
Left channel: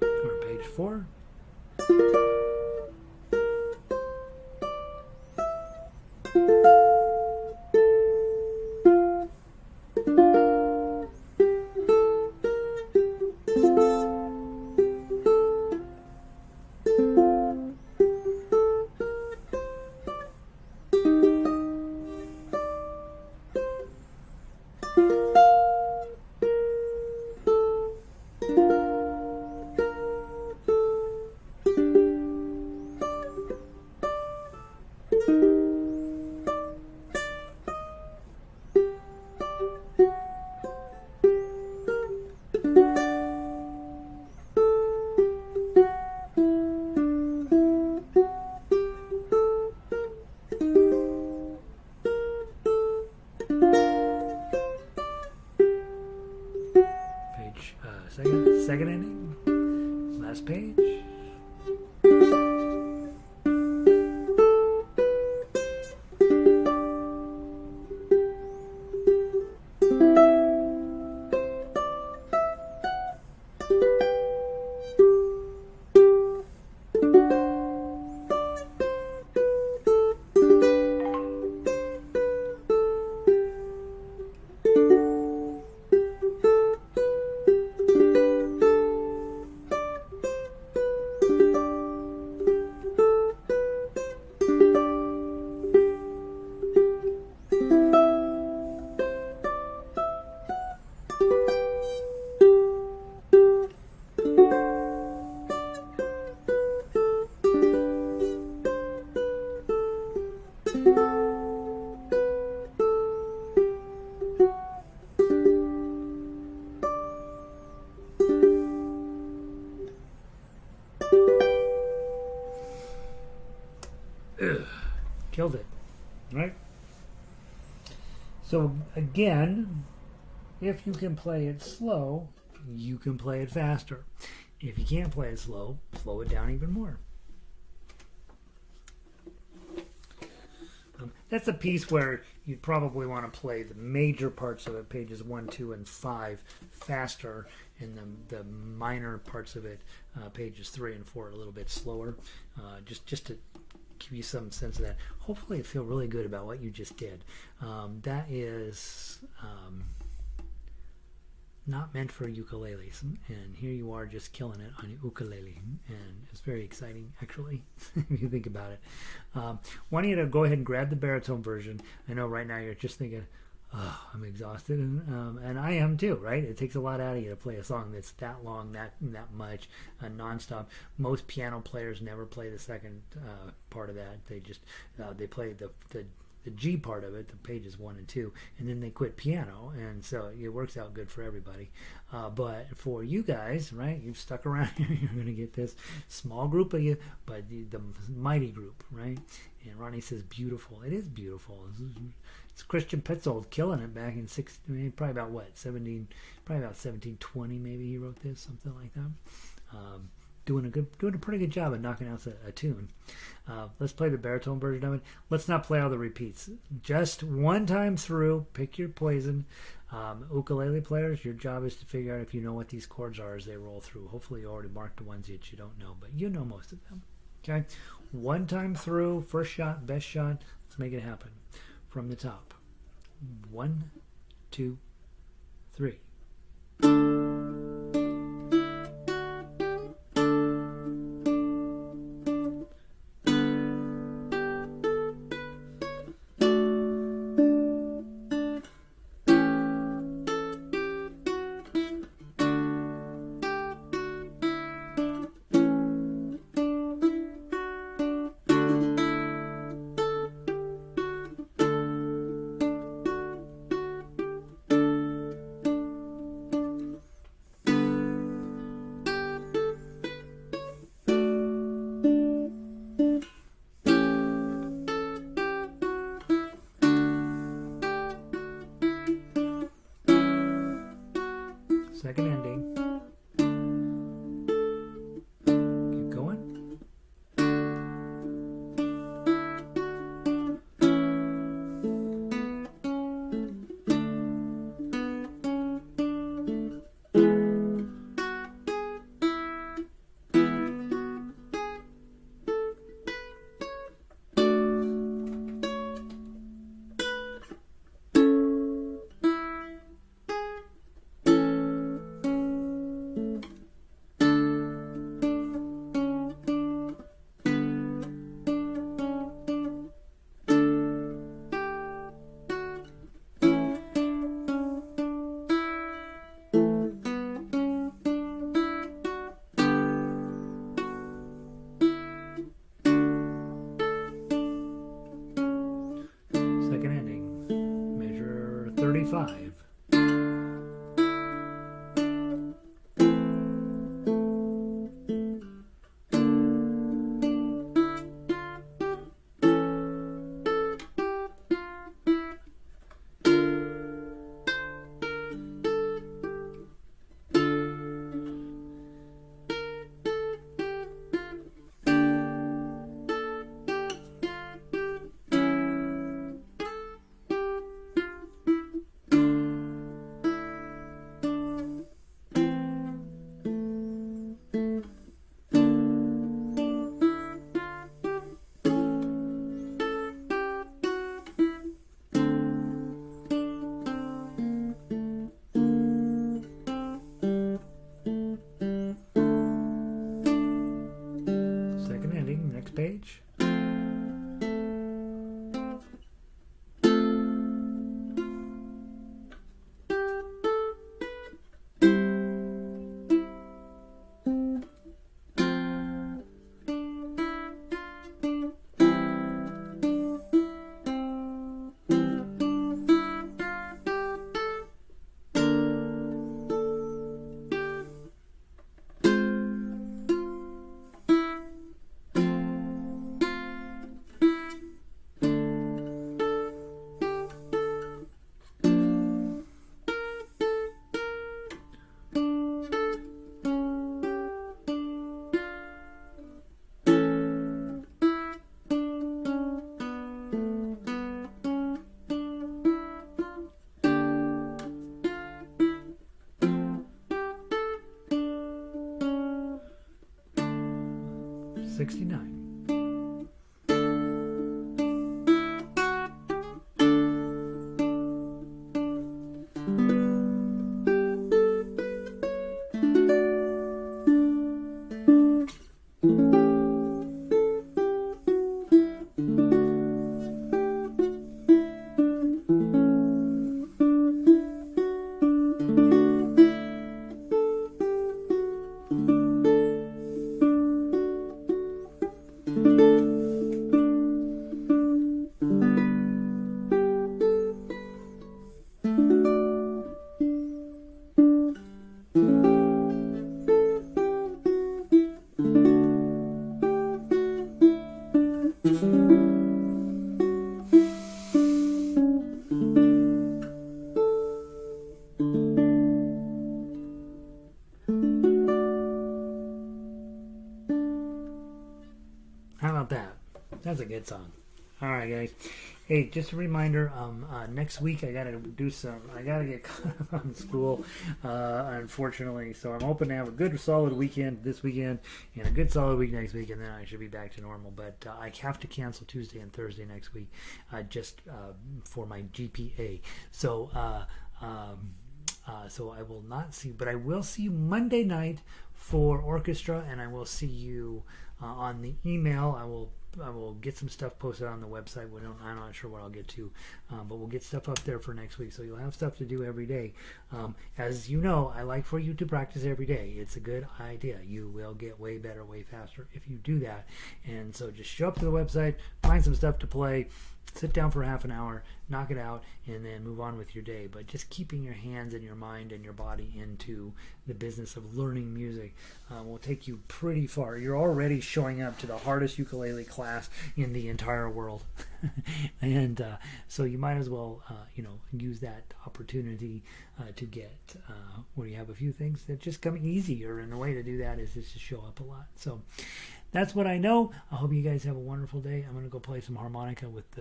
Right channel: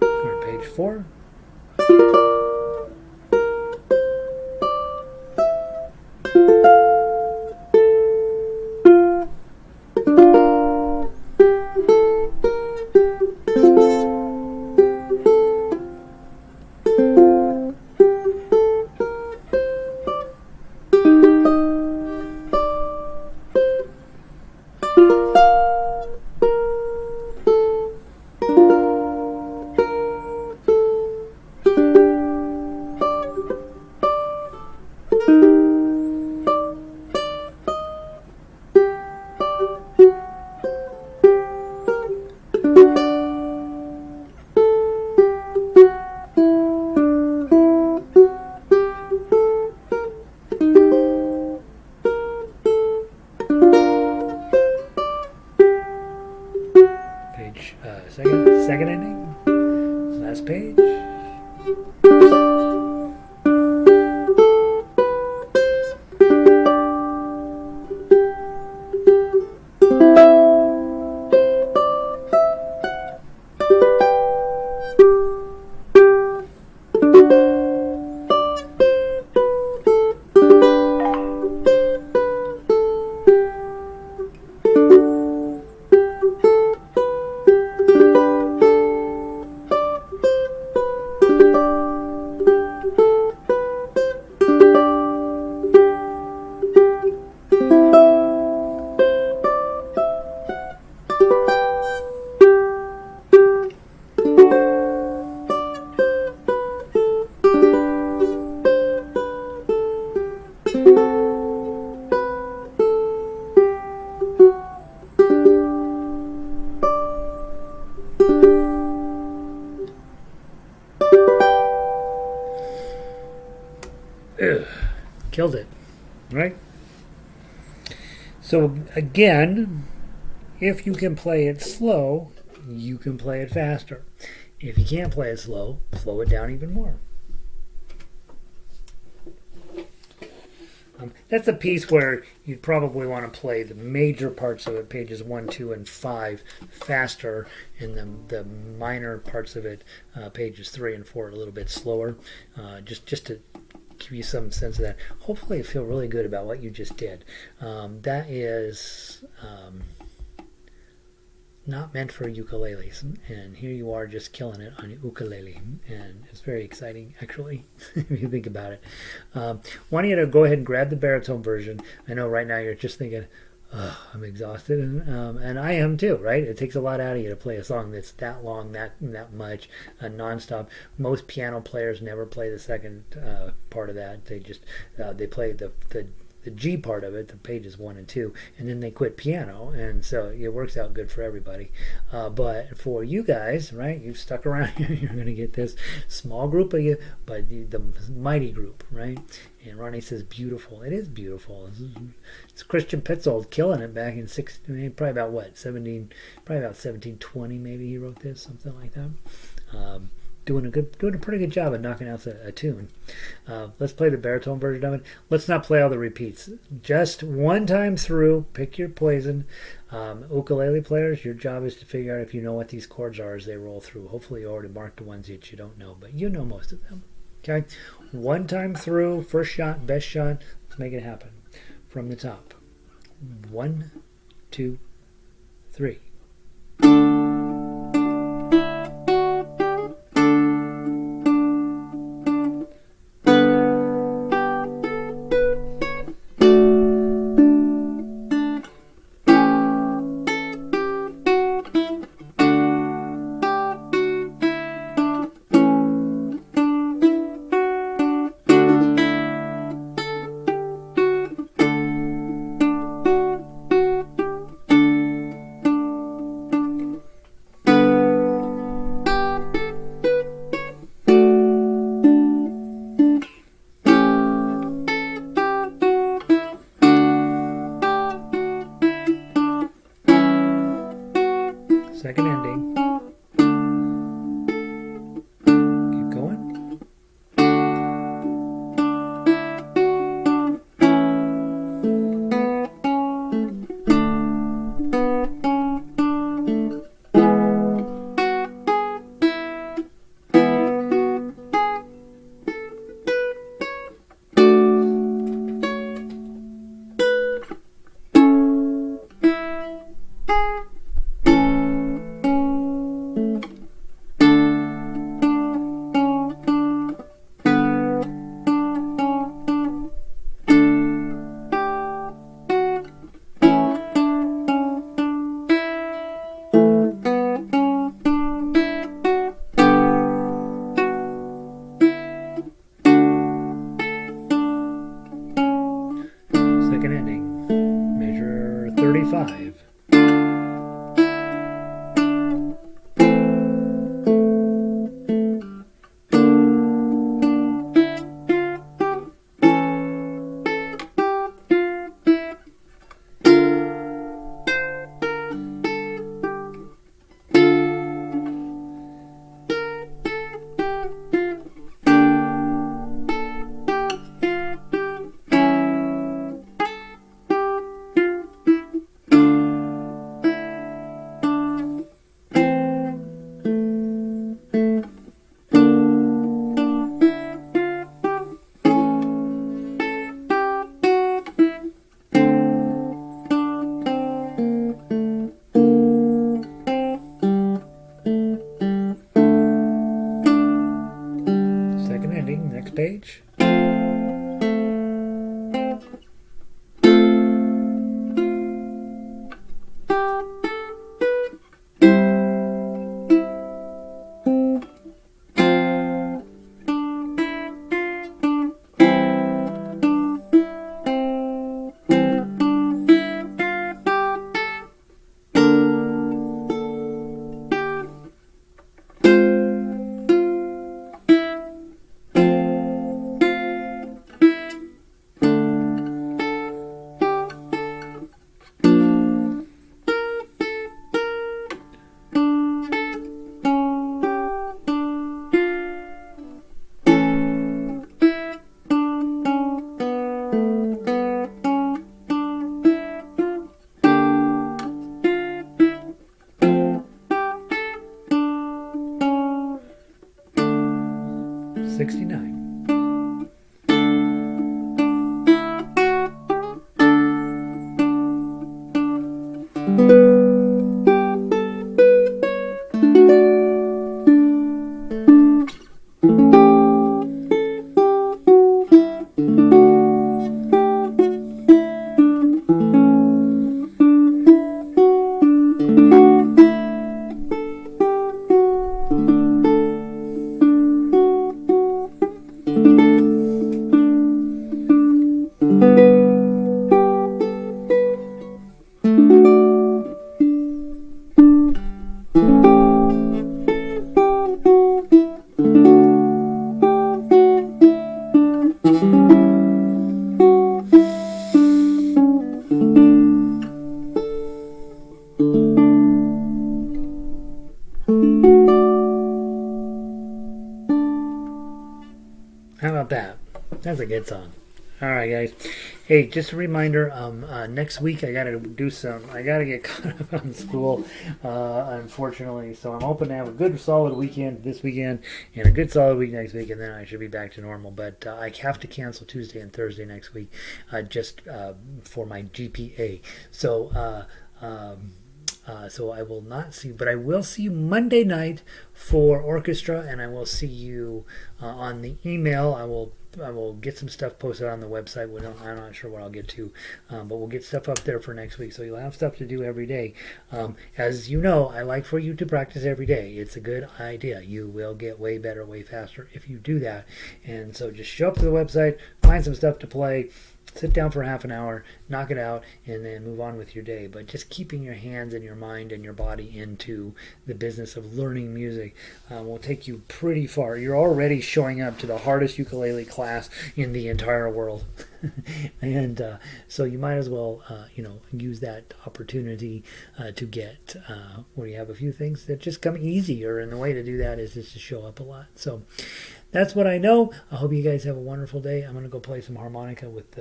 or page 4. Second ending, last page. Killed it, right? So again, if you can play it slow, you can play it faster. If you can't play it slow it down even more. That's a piece where you'd probably want to play the major parts of it, pages 1, 2, and 5, faster, and the minor parts of it, pages 3 and 4, a little bit slower, just to give you some sense of that. Hopefully you feel really good about what you just did. That is not meant for ukuleles, and here you are just killing it on your ukulele, and it's very exciting actually if you think about it. Want you to go ahead and grab the baritone version. I know right now you're just thinking, oh, I'm exhausted, and I am too, right? It takes a lot out of you to play a song that's that long, that much, nonstop. Most piano players never play the second part of that. They just they play the G part of it, the pages 1 and 2, and then they quit piano, and so it works out good for everybody. But for you guys, right, you've stuck around here, you're going to get this small group of you, but the mighty group, right? And Ronnie says beautiful. It is beautiful. It's Christian Petzold killing it back in probably about 1720 maybe he wrote this, something like that. Doing a pretty good job of knocking out a tune. Let's play the baritone version of it. Let's not play all the repeats. Just one time through, pick your poison. Ukulele players, your job is to figure out if you know what these chords are as they roll through. Hopefully you already marked the ones that you don't know, but you know most of them. Okay? One time through, first shot, best shot. Let's make it happen. From the top. 1, 2, 3. Second ending. Keep going. 65. Second ending, next page. '69. How about that? That's a good song. All right, guys. Hey, just a reminder. Next week I gotta get caught up on school, unfortunately. So I'm hoping to have a good, solid weekend this weekend and a good, solid week next week, and then I should be back to normal. But I have to cancel Tuesday and Thursday next week, just for my GPA. So. So I will not see, but I will see you Monday night for orchestra, and I will see you on the email. I will get some stuff posted on the website. I'm not sure what I'll get to, but we'll get stuff up there for next week. So you'll have stuff to do every day. As you know, I like for you to practice every day. It's a good idea. You will get way better, way faster if you do that. And so just show up to the website, find some stuff to play. Sit down for half an hour, knock it out, and then move on with your day. But just keeping your hands and your mind and your body into the business of learning music will take you pretty far. You're already showing up to the hardest ukulele class in the entire world. And so you might as well, use that opportunity to get where you have a few things that just come easier. And the way to do that is just to show up a lot. So that's what I know. I hope you guys have a wonderful day. I'm going to go play some harmonica with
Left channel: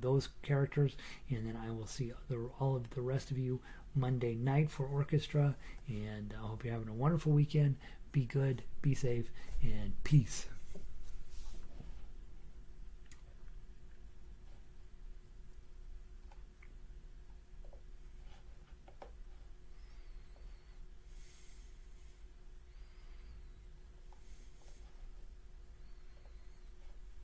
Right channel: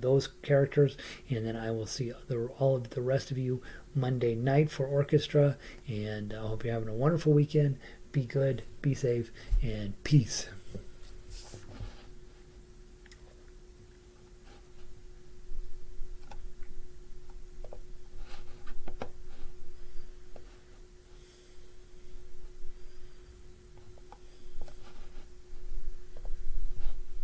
those characters, and then I will see all of the rest of you Monday night for orchestra. And I hope you're having a wonderful weekend. Be good, be safe, and peace.